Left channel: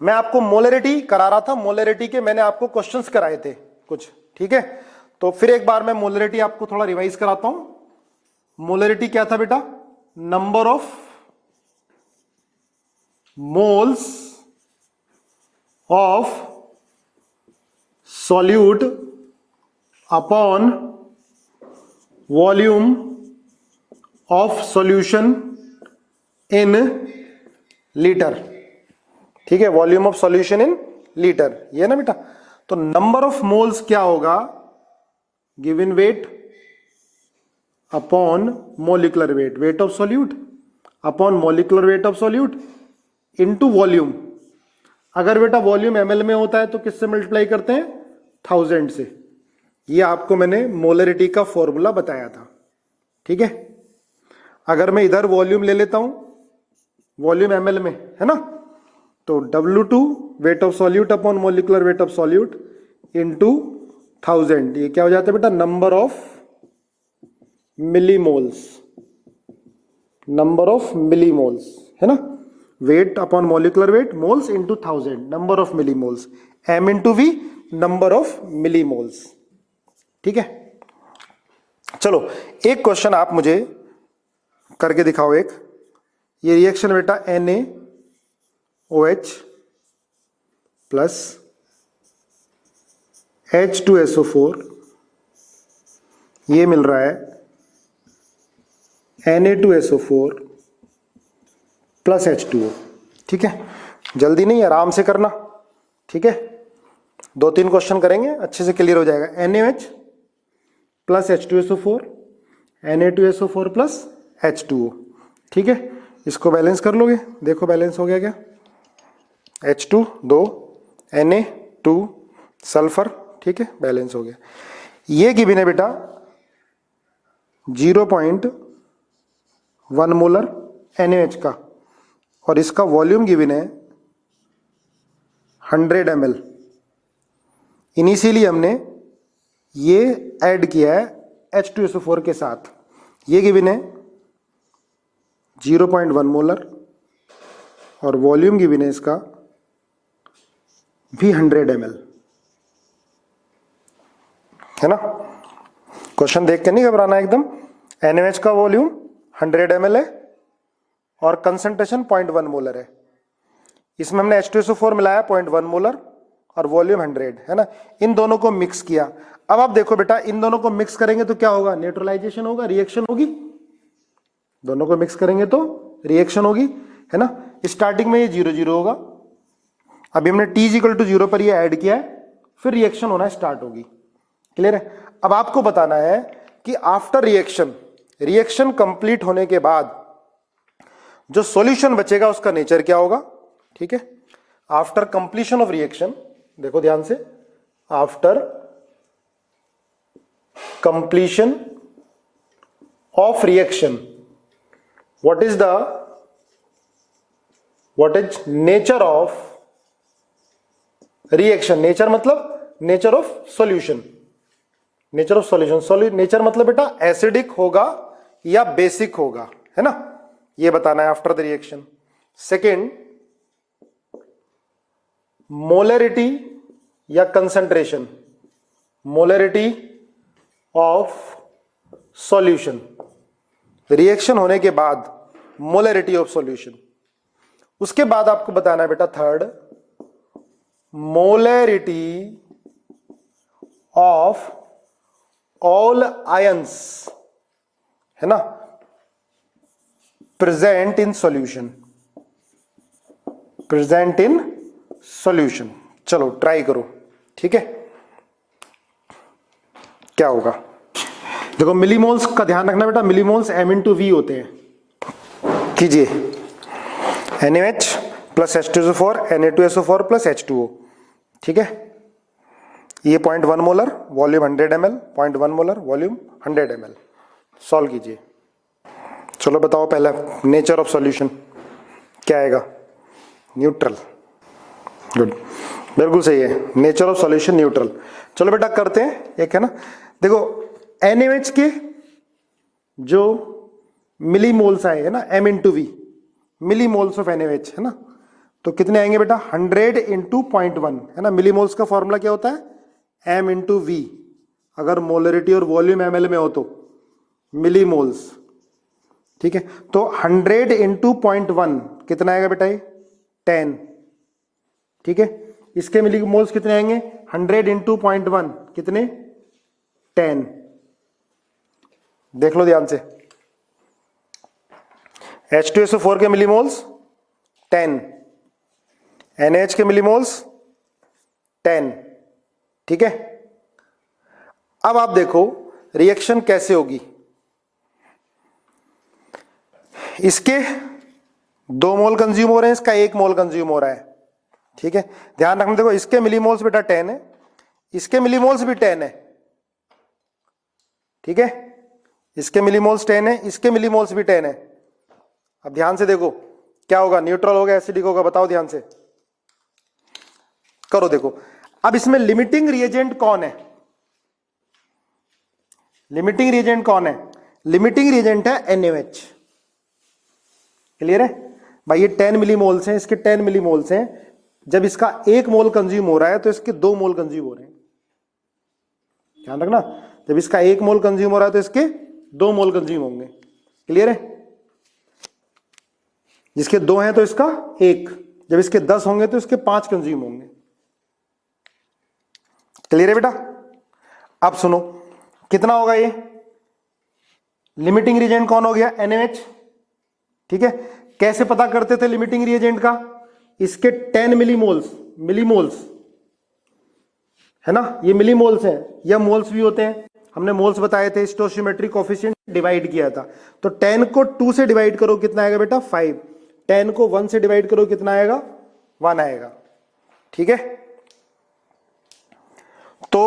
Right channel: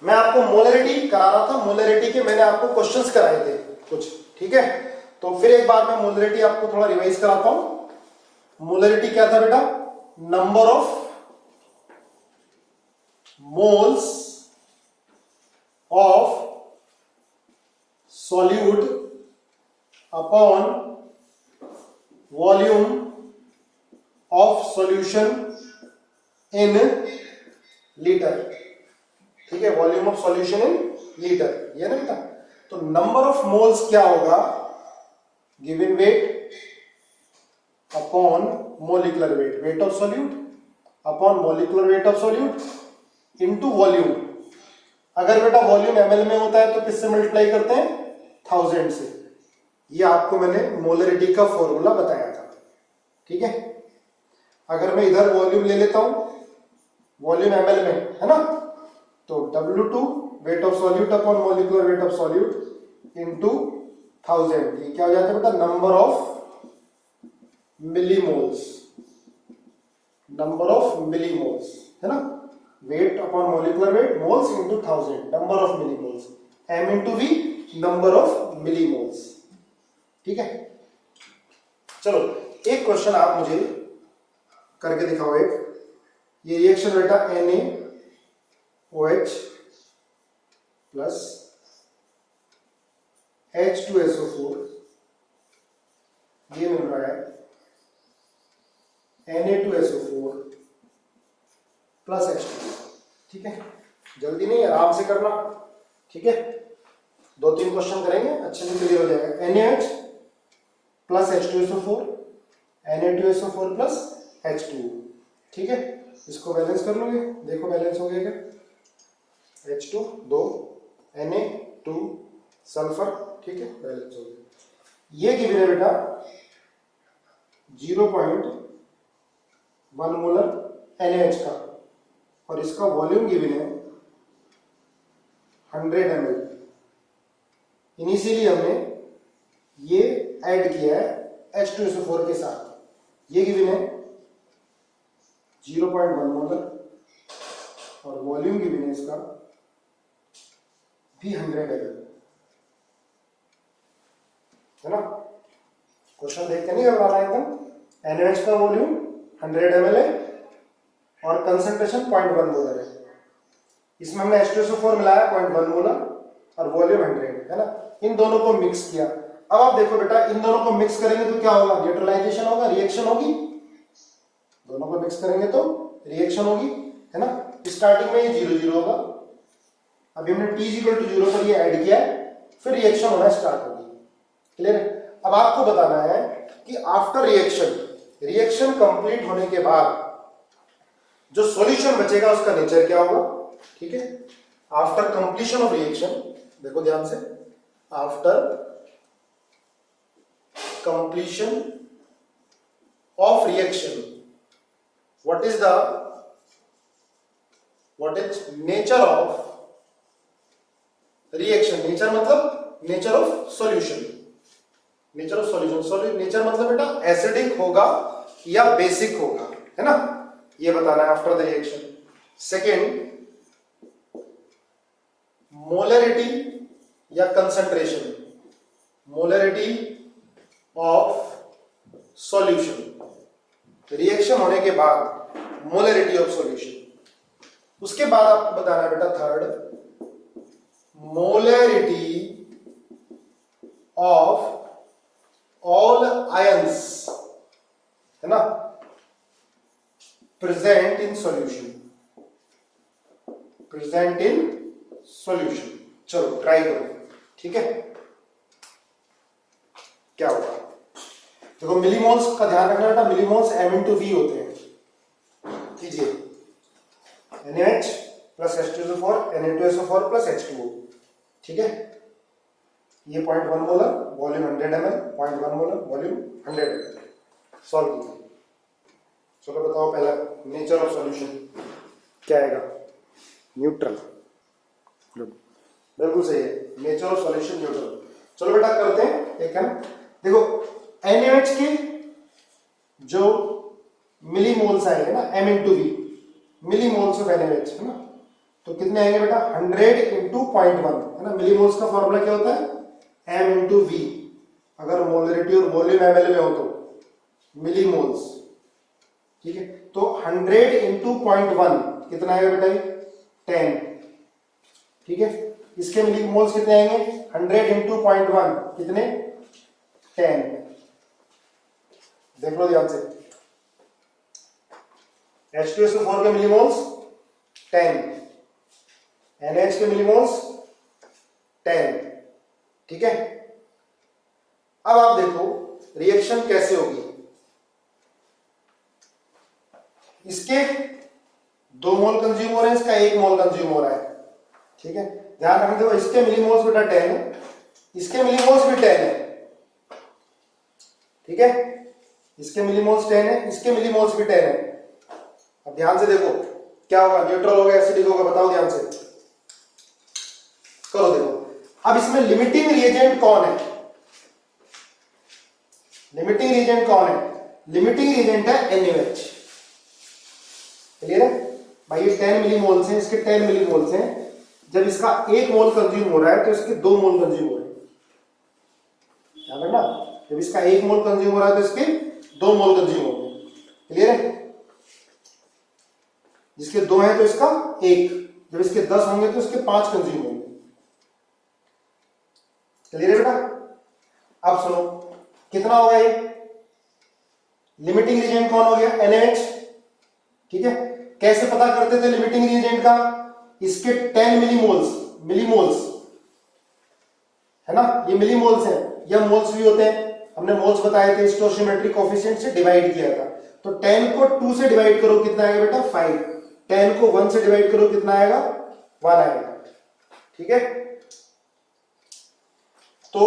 मैं आपको मोलरिटी करा रहा था, मोलरिटी के मैंने आपको क्वेश्चंस कराए थे कुछ, ठीक है। तो फिर एक बार मैं मोलरिटी आपको थोड़ा रिवाइज कराता हूं। मोलरिटी क्या था बेटा? Number of moles of solute upon volume of solution in litre, ठीक है। Volume of solution in litre, ये ना बेटा। तो नंबर ऑफ मोल्स क्या होगा? Given weight upon molecular weight, weight of solute upon molecular weight of solute into volume. अगर बेटा वॉल्यूम ml में होता है तो किससे मल्टीप्लाई करते हैं? 1000 से। ये आपको मैंने मोलरिटी का फॉर्मूला बताया था, ठीक है। अगर मैं इधर वॉल्यूम ले लेता हूं, वॉल्यूम ml में है ना, तो W2 weight of solute upon molecular weight of solute into 1000, ये क्या हो जाता है बेटा? Number of millimoles, number of millimoles है ना। Weight upon molecular weight, moles into 1000, number of millimoles. m into v, number of millimoles, ठीक है। चलो एक क्वेश्चन आप मुझे करके दिखाओ। एक ये रिएक्शन बेटा NaOH प्लस H2SO4, ये मिल रहा है Na2SO4 प्लस H2O, ठीक है। जल्दी नहीं, आराम से करना, ठीक है। 2-3 क्वेश्चन करेंगे, अच्छे से क्लियर हो जाएगा। NaOH plus H2SO4, Na2SO4 plus H2O, ठीक है। इसको बैलेंस कर लोगे, देखो बैलेंस हो गया क्या? H2 2, Na2 सल्फर, ठीक है, बैलेंस हो गया। ये गिवन है बेटा 0.1 मोलर NaOH का, और इसका वॉल्यूम गिवन है 100 ml। इनिशियली हमने ये ऐड किया है H2SO4 के साथ, ये गिवन है 0.1 मोलर, और वॉल्यूम गिवन है इसका भी 100 ml, है ना। क्वेश्चन देख के नहीं घबराना एकदम। NaOH का वॉल्यूम 100 ml है और कंसंट्रेशन 0.1 मोलर है। इसमें हमने H2SO4 मिलाया 0.1 मोलर और वॉल्यूम 100 है ना। इन दोनों को मिक्स किया। अब आप देखो बेटा, इन दोनों को मिक्स करेंगे तो क्या होगा? न्यूट्रलाइजेशन होगा, रिएक्शन होगी। दोनों को मिक्स करेंगे तो रिएक्शन होगी, है ना। स्टार्टिंग में ये 0-0 होगा, अभी हमने T=0 पर ये ऐड किया है, फिर रिएक्शन होना स्टार्ट होगी। क्लियर है? अब आपको बताना है कि आफ्टर रिएक्शन, रिएक्शन कंप्लीट होने के बाद जो सॉल्यूशन बचेगा उसका नेचर क्या होगा, ठीक है। आफ्टर कंप्लीशन ऑफ रिएक्शन, देखो ध्यान से, after completion of reaction what is nature of reaction? Nature मतलब nature of solution, nature of solution. Nature मतलब बेटा एसिडिक होगा या बेसिक होगा, है ना, ये बताना है after the reaction. Second, molarity या concentration, molarity of solution, reaction होने के बाद मोलरिटी ऑफ सॉल्यूशन। उसके बाद आपको बताना है बेटा third, molarity of all ions, है ना, present in solution, present in solution. चलो ट्राई करो, ठीक है, क्या होगा। देखो मिलीमोल्स का ध्यान रखना बेटा, मिलीमोल्स m इंटू वी होते हैं। कीजिए NaOH plus H2SO4, Na2SO4 plus H2O, ठीक है। ये 0.1 molar, volume 100 ml, 0.1 molar, volume 100 ml। Solve कीजिए। चलो बताओ पहला नेचर ऑफ सॉल्यूशन क्या आएगा? न्यूट्रल। गुड, बिल्कुल सही है, नेचर ऑफ सॉल्यूशन न्यूट्रल। चलो बेटा करते हैं, एक है ना। देखो NaOH के जो मिलीमोल्स आएंगे ना, m into V, millimoles of NaOH, है ना। तो कितने आएंगे बेटा 100 इंटू 0.1 है ना। मिलीमोल्स का फॉर्मूला क्या होता है m इंटू वी, अगर मोलरिटी और वॉल्यूम ml में हो तो मिलीमोल्स, ठीक है। तो 100 इंटू 0.1 कितना आएगा बेटा ये 10, ठीक है। इसके मिलीमोल्स कितने आएंगे 100 इंटू 0.1 कितने 10, देख लो ध्यान से। H2SO4 के मिलीमोल्स 10, NaH के मिलीमोल्स 10, ठीक है। अब आप देखो रिएक्शन कैसे होगी। इसके 2 मोल कंज्यूम हो रहे हैं, इसका 1 मोल कंज्यूम हो रहा है, ठीक है। ध्यान रखना, देखो इसके मिलीमोल्स बेटा 10 है, इसके मिलीमोल्स भी 10 है, ठीक है। इसके मिलीमोल्स 10 है, इसके मिलीमोल्स भी 10 है। अब ध्यान से देखो क्या होगा, न्यूट्रल होगा एसिडिक होगा, बताओ ध्यान से करो। देखो अब इसमें लिमिटिंग रिएजेंट कौन है, लिमिटिंग रिएजेंट कौन है, लिमिटिंग रिएजेंट है NaOH, क्लियर है भाई। ये 10 मिलीमोल्स हैं, इसके 10 मिलीमोल्स हैं। जब इसका 1 मोल कंज्यूम हो रहा है तो इसके 2 मोल कंज्यूम हो रहे हैं, ध्यान रखना। जब इसका 1 मोल कंज्यूम हो रहा है तो इसके 2 मोल कंज्यूम होंगे, क्लियर है। जिसके 2 हैं तो इसका 1, जब इसके 10 होंगे तो इसके 5 कंज्यूम होंगे, क्लियर है बेटा। अब सुनो कितना होगा ये, लिमिटिंग रिएजेंट कौन हो गया NaOH, ठीक है। कैसे पता करते थे लिमिटिंग रिएजेंट का, इसके 10 मिलीमोल्स है ना, ये मिलीमोल्स हैं या मोल्स भी होते हैं, हमने मोल्स बताए थे, स्टोइचियोमेट्रिक कोएफिशिएंट से डिवाइड किया था। तो 10 को 2 से डिवाइड करो कितना आएगा बेटा 5, 10 को 1 से डिवाइड करो कितना आएगा 1 आएगा, ठीक है। तो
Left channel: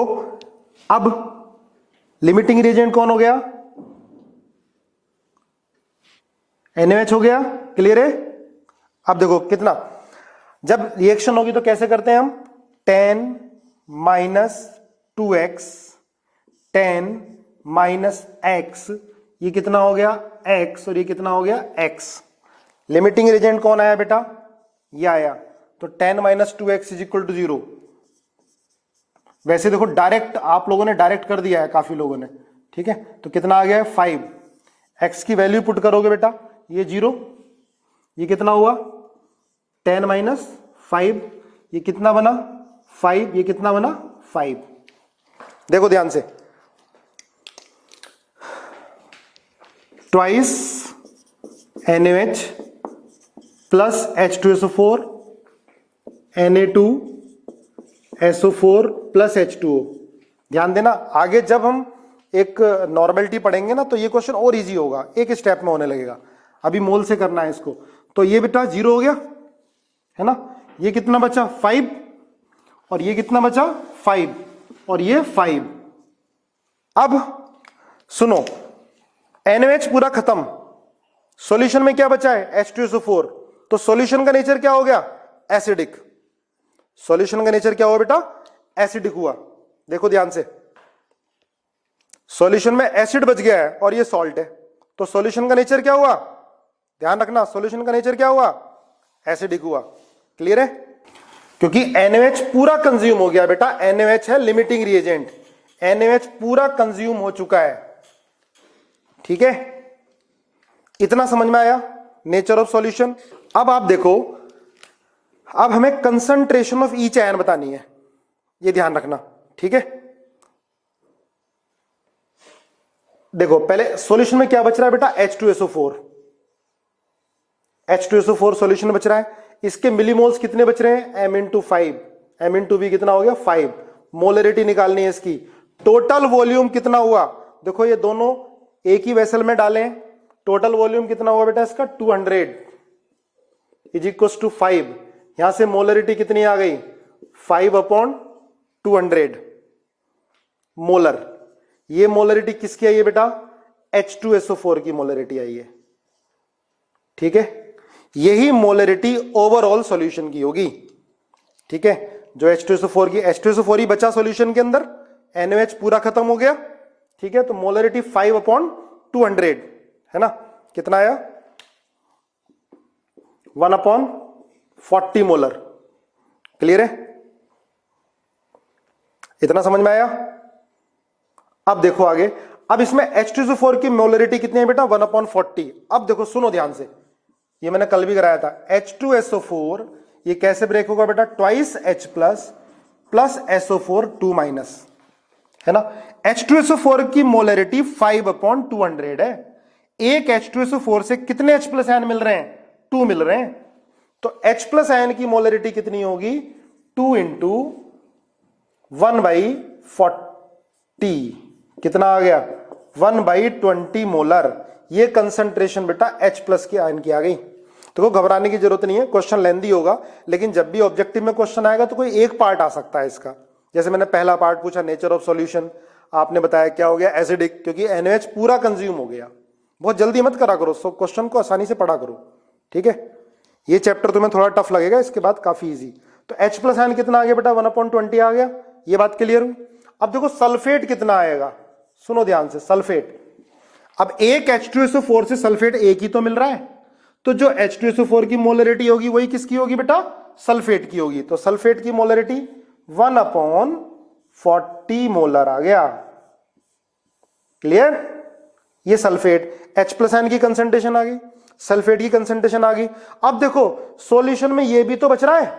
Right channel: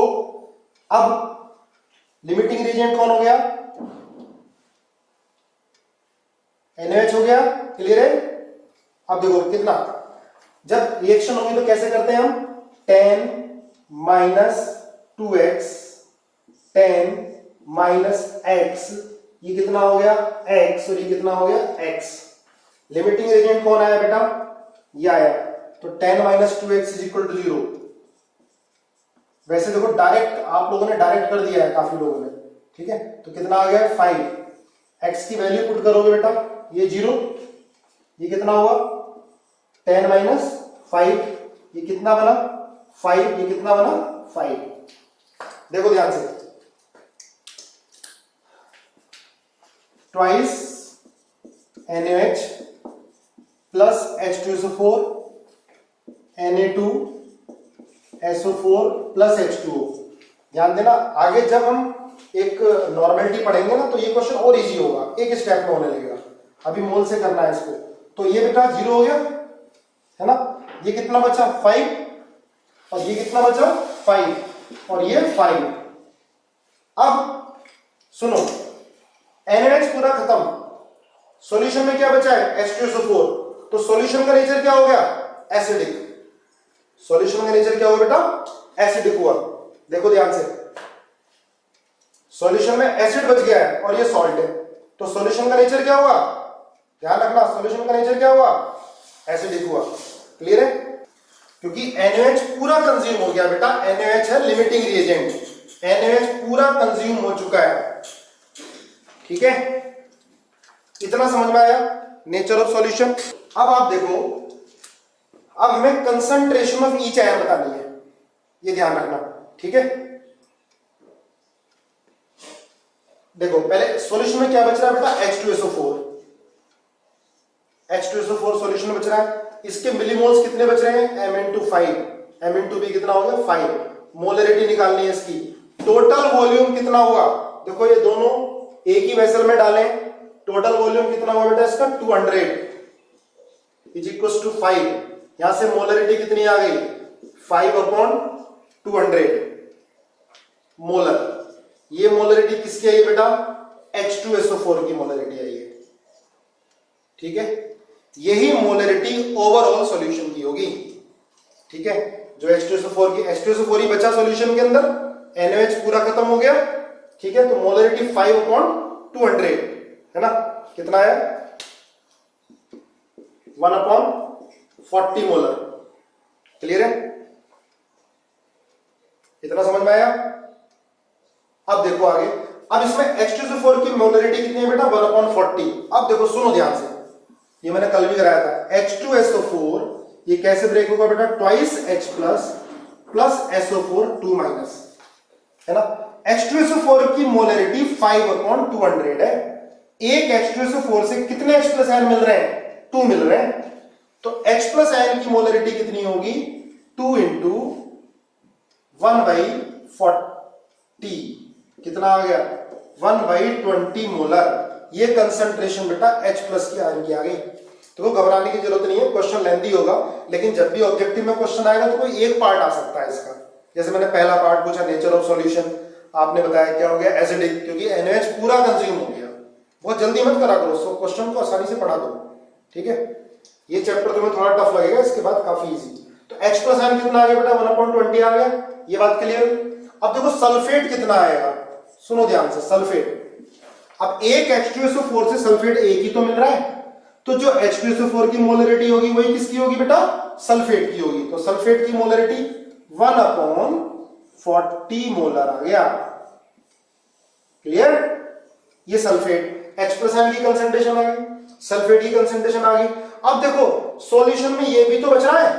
अब लिमिटिंग रिएजेंट कौन हो गया NaOH हो गया, क्लियर है। अब देखो कितना, जब रिएक्शन होगी तो कैसे करते हैं हम, 10 माइनस 2x 10 माइनस x, ये कितना हो गया x और ये कितना हो गया x। लिमिटिंग रिएजेंट कौन आया बेटा, ये आया। तो 10 minus 2x is equal to 0। वैसे देखो डायरेक्ट आप लोगों ने डायरेक्ट कर दिया है काफी लोगों ने, ठीक है। तो कितना आ गया 5, x की वैल्यू पुट करोगे बेटा ये 0, ये कितना हुआ 10 माइनस 5, ये कितना बना 5, ये कितना बना 5। देखो ध्यान से, twice NaOH plus H2SO4 Na2SO4 plus H2O। ध्यान देना, आगे जब हम एक नॉर्मेलिटी पढ़ेंगे ना तो ये क्वेश्चन और इजी होगा, एक स्टेप में होने लगेगा। अभी मोल से करना है इसको। तो ये बेटा 0 हो गया है ना, ये कितना बचा 5 और ये कितना बचा 5 और ये 5। अब सुनो NaOH पूरा खत्म, सॉल्यूशन में क्या बचा है H2SO4। तो सॉल्यूशन का नेचर क्या हो गया एसिडिक, सॉल्यूशन का नेचर क्या हुआ बेटा एसिडिक हुआ। देखो ध्यान से, सॉल्यूशन में एसिड बच गया है और ये सॉल्ट है, तो सॉल्यूशन का नेचर क्या हुआ, ध्यान रखना, सॉल्यूशन का नेचर क्या हुआ एसिडिक हुआ, क्लियर है। क्योंकि NaOH पूरा कंज्यूम हो गया बेटा, NaOH है लिमिटिंग रिएजेंट, NaOH पूरा कंज्यूम हो चुका है, ठीक है। इतना समझ में आया नेचर ऑफ सॉल्यूशन। अब आप देखो, अब हमें कंसंट्रेशन ऑफ ईच आयन बतानी है, ये ध्यान रखना, ठीक है। देखो पहले सॉल्यूशन में क्या बच रहा है बेटा H2SO4, H2SO4 सॉल्यूशन बच रहा है। इसके मिलीमोल्स कितने बच रहे हैं m/5, m/v कितना हो गया 5। मोलरिटी निकालनी है इसकी। टोटल वॉल्यूम कितना हुआ, देखो ये दोनों एक ही वेसल में डाले, टोटल वॉल्यूम कितना हुआ बेटा इसका 200 इज इक्वल टू 5। यहां से मोलरिटी कितनी आ गई 5/200 मोलर। ये मोलरिटी किसकी आई है बेटा H2SO4 की मोलरिटी आई है, ठीक है। यही मोलरिटी ओवरऑल सॉल्यूशन की होगी, ठीक है। जो H2SO4 ही बचा सॉल्यूशन के अंदर, NaOH पूरा खत्म हो गया, ठीक है। तो मोलरिटी 5/200 है ना, कितना आया 1/5 40 मोलर। क्लियर है? इतना समझ में आया? अब देखो आगे, अब इसमें H2SO4 की मोलरिटी कितनी है बेटा? 1/40। अब देखो सुनो ध्यान से, ये मैंने कल भी कराया था। H2SO4 ये कैसे ब्रेक होगा बेटा? Twice H plus SO4 2 minus, है ना। H2SO4 की मोलरिटी 5/200 है। एक H2SO4 से कितने H प्लस आयन मिल रहे हैं? 2 मिल रहे हैं। तो H प्लस आयन की मोलरिटी कितनी होगी? 2 इंटू 1/40। कितना आ गया? 1/20 मोलर। ये कंसंट्रेशन बेटा H प्लस की आयन की आ गई। तो घबराने की जरूरत नहीं है, क्वेश्चन लेंदी होगा, लेकिन जब भी ऑब्जेक्टिव में क्वेश्चन आएगा तो कोई एक पार्ट आ सकता है इसका। जैसे मैंने पहला पार्ट पूछा नेचर ऑफ सॉल्यूशन, आपने बताया क्या हो गया? एसिडिक, क्योंकि NaOH पूरा कंज्यूम हो गया। बहुत जल्दी मत करा करो, सब क्वेश्चन को आसानी से पढ़ा करो, ठीक है। ये चैप्टर तुम्हें थोड़ा टफ लगेगा, इसके बाद काफी इजी। तो H प्लस आयन कितना आ गया बेटा? 1/20 आ गया। ये बात क्लियर? अब देखो सल्फेट कितना आएगा, सुनो ध्यान से। सल्फेट, अब एक H2SO4 से सल्फेट एक ही तो मिल रहा है, तो जो H2SO4 की मोलरिटी होगी वही किसकी होगी बेटा? सल्फेट की होगी। तो सल्फेट की मोलरिटी 1/40 मोलर आ गया। क्लियर? ये सल्फेट, H प्लस आयन की कंसंट्रेशन आ गई, सल्फेट की कंसंट्रेशन आ गई। अब देखो सॉल्यूशन में ये भी तो बच रहा है,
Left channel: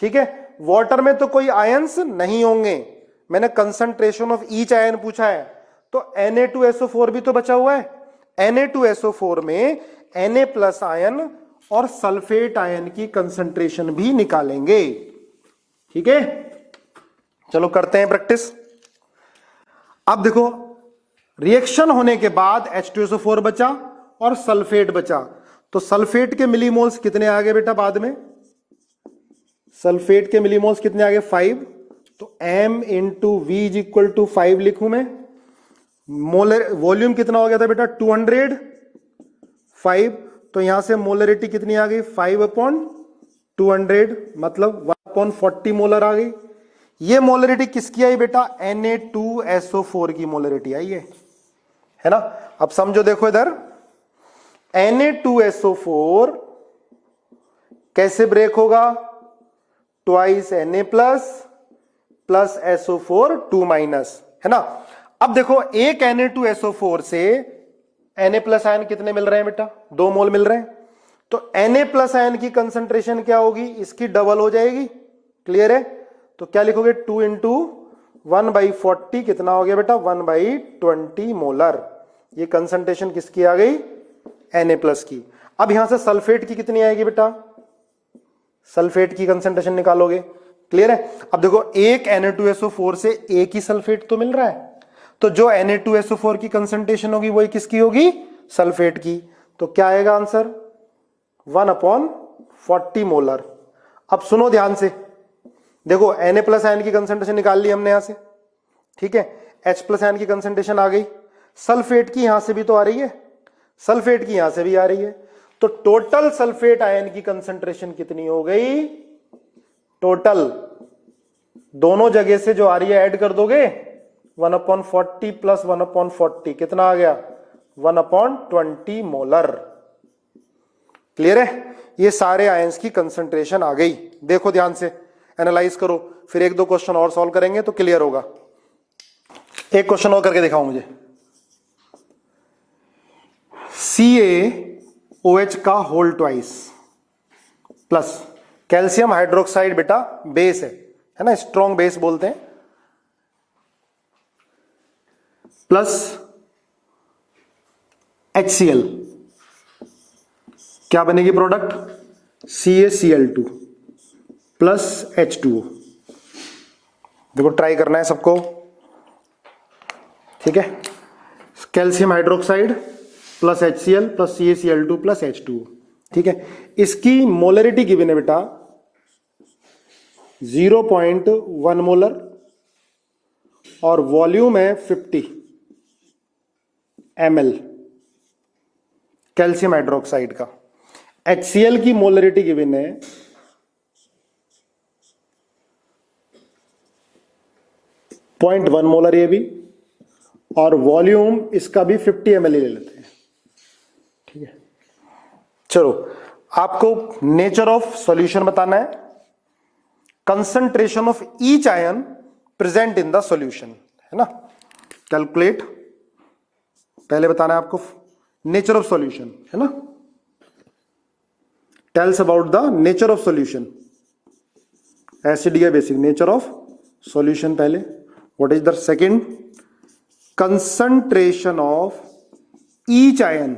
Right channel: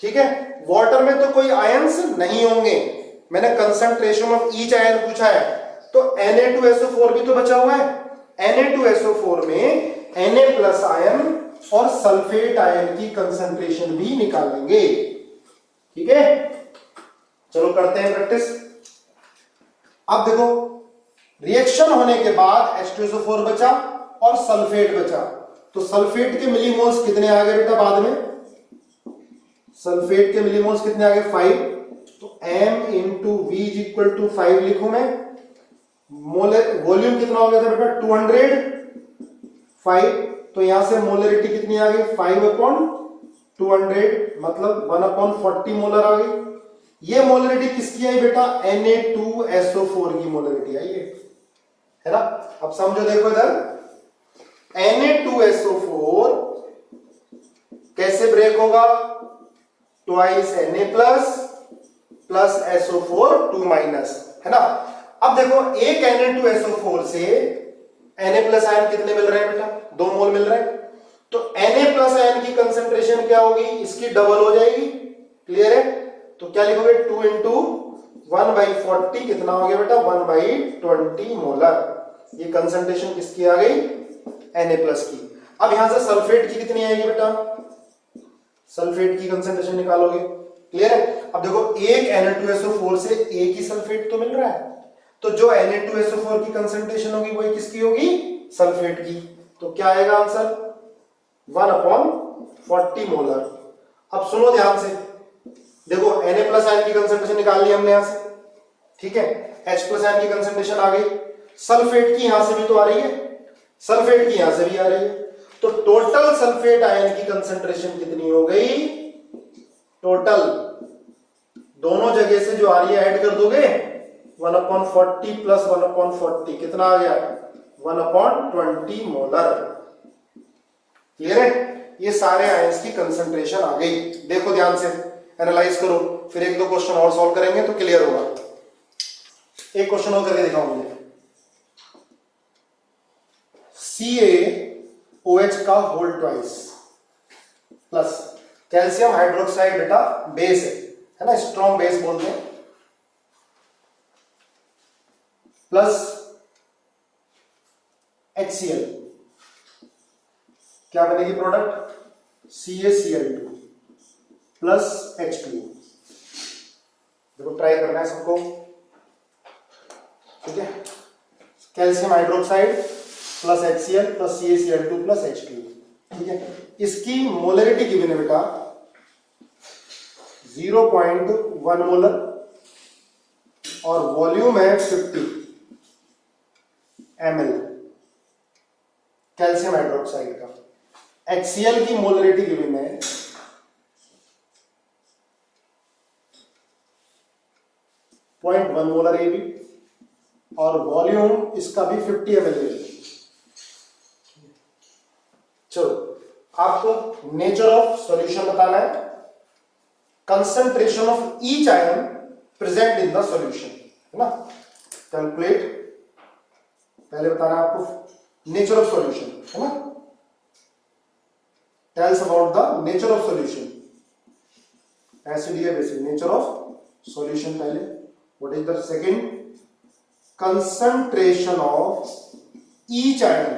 ठीक है। वाटर में तो कोई आयंस नहीं होंगे, मैंने कंसंट्रेशन ऑफ ईच आयन पूछा है, तो Na2SO4 भी तो बचा हुआ है। Na2SO4 में Na प्लस आयन और सल्फेट आयन की कंसंट्रेशन भी निकालेंगे, ठीक है। चलो करते हैं प्रैक्टिस। अब देखो रिएक्शन होने के बाद H2SO4 बचा और सल्फेट बचा, तो सल्फेट के मिलीमोल्स कितने आ गए बेटा? बाद में सल्फेट के मिलीमोल्स कितने आ गए? 5। तो M into V is equal to 5 लिखूं मैं। मोलर वॉल्यूम कितना हो गया था बेटा? 205। तो यहां से मोलरिटी कितनी आ गई? 5/200, मतलब 1/40 मोलर आ गई। ये मोलरिटी किसकी आई बेटा? Na2SO4 की मोलरिटी आई है ना। अब समझो, देखो इधर Na2SO4 कैसे ब्रेक होगा? Twice Na plus SO4 2 minus, है ना। अब देखो एक Na2SO4 से Na प्लस आयन कितने मिल रहे हैं बेटा? 2 मोल मिल रहे हैं। तो Na प्लस आयन की कंसंट्रेशन क्या होगी? इसकी डबल हो जाएगी। क्लियर है? तो क्या लिखोगे? 2 इंटू 1/40 कितना हो गया बेटा? 1/20 मोलर। ये कंसंट्रेशन किसकी आ गई? Na प्लस की। अब यहां से सल्फेट की कितनी आएगी बेटा? सल्फेट की कंसंट्रेशन निकालोगे। क्लियर है? अब देखो एक Na2SO4 से एक ही सल्फेट तो मिल रहा है, तो जो Na2SO4 की कंसंट्रेशन होगी वही किसकी होगी? सल्फेट की। तो क्या आएगा आंसर? 1/40 मोलर। अब सुनो ध्यान से, देखो Na प्लस आयन की कंसंट्रेशन निकाल ली हमने यहां से, ठीक है। H प्लस आयन की कंसंट्रेशन आ गई, सल्फेट की यहां से भी तो आ रही है, सल्फेट की यहां से भी आ रही है। तो टोटल सल्फेट आयन की कंसंट्रेशन कितनी हो गई? टोटल दोनों जगह से जो आ रही है ऐड कर दोगे, 1/40 प्लस 1/40 कितना आ गया? 1/20 मोलर। क्लियर है? ये सारे आयंस की कंसंट्रेशन आ गई। देखो ध्यान से, एनालाइज करो, फिर एक दो क्वेश्चन और सॉल्व करेंगे तो क्लियर होगा। एक क्वेश्चन और करके दिखाओ मुझे। CaOH का whole twice plus calcium hydroxide बेटा बेस है ना, स्ट्रॉन्ग बेस बोलते हैं, प्लस HCl, क्या बनेगी प्रोडक्ट? CaCl2 plus H2O। देखो ट्राई करना है सबको, ठीक है। Calcium hydroxide plus HCl plus CaCl2 plus H2O, ठीक है। इसकी मोलरिटी गिवन है बेटा 0.1 मोलर और वॉल्यूम है 50 ml कैल्शियम हाइड्रोक्साइड का। HCl की मोलरिटी गिवन है 0.1 मोलर, ये भी, और वॉल्यूम इसका भी 50 ml ले लेते हैं, ठीक है। चलो आपको नेचर ऑफ सॉल्यूशन बताना है, concentration of each ion present in the solution, है ना। कैलकुलेट, पहले बताना है आपको नेचर ऑफ सॉल्यूशन, है ना। Tells about the nature of solution, acid या बेसिक, नेचर ऑफ सॉल्यूशन पहले। What is the second, concentration of each ion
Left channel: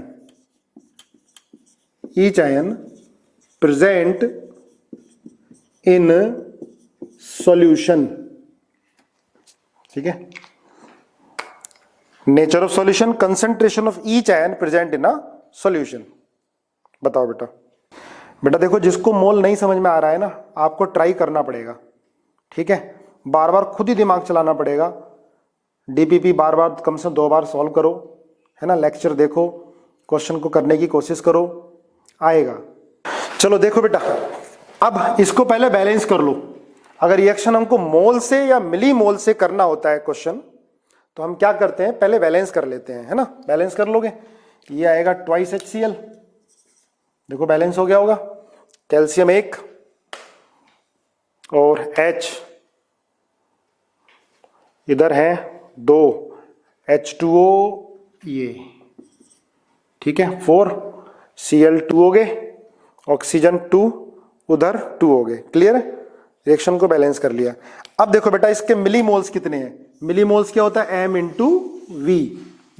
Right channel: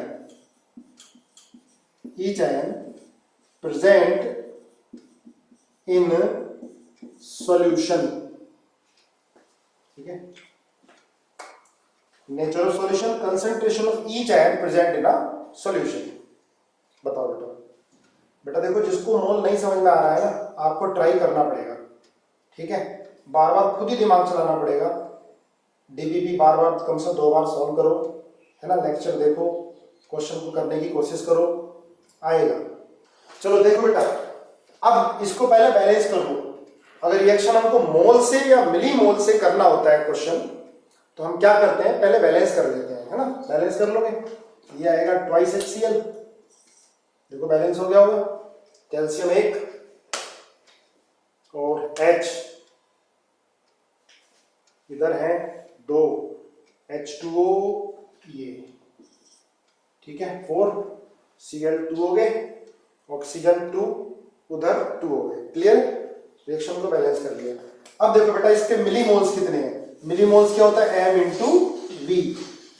present in solution, ठीक है। Nature of solution, concentration of each ion present in a solution. बताओ बेटा। बेटा देखो, जिसको मोल नहीं समझ में आ रहा है ना, आपको ट्राई करना पड़ेगा, ठीक है। बार बार खुद ही दिमाग चलाना पड़ेगा। डीपीपी बार बार कम से 2 बार सॉल्व करो, है ना। लेक्चर देखो, क्वेश्चन को करने की कोशिश करो, आएगा। चलो देखो बेटा, अब इसको पहले बैलेंस कर लो। अगर रिएक्शन हमको मोल से या मिली मोल से करना होता है क्वेश्चन, तो हम क्या करते हैं, पहले बैलेंस कर लेते हैं, है ना। बैलेंस कर लोगे, ये आएगा ट्वाइस HCl, देखो बैलेंस हो गया होगा। कैल्शियम 1 और H इधर है 2, H2O ये, ठीक है। 4 Cl2 हो गए, ऑक्सीजन 2 उधर 2 हो गए। क्लियर है, रिएक्शन को बैलेंस कर लिया। अब देखो बेटा, इसके मिली मोल्स कितने हैं। मिली मोल्स क्या होता है, M इंटू वी।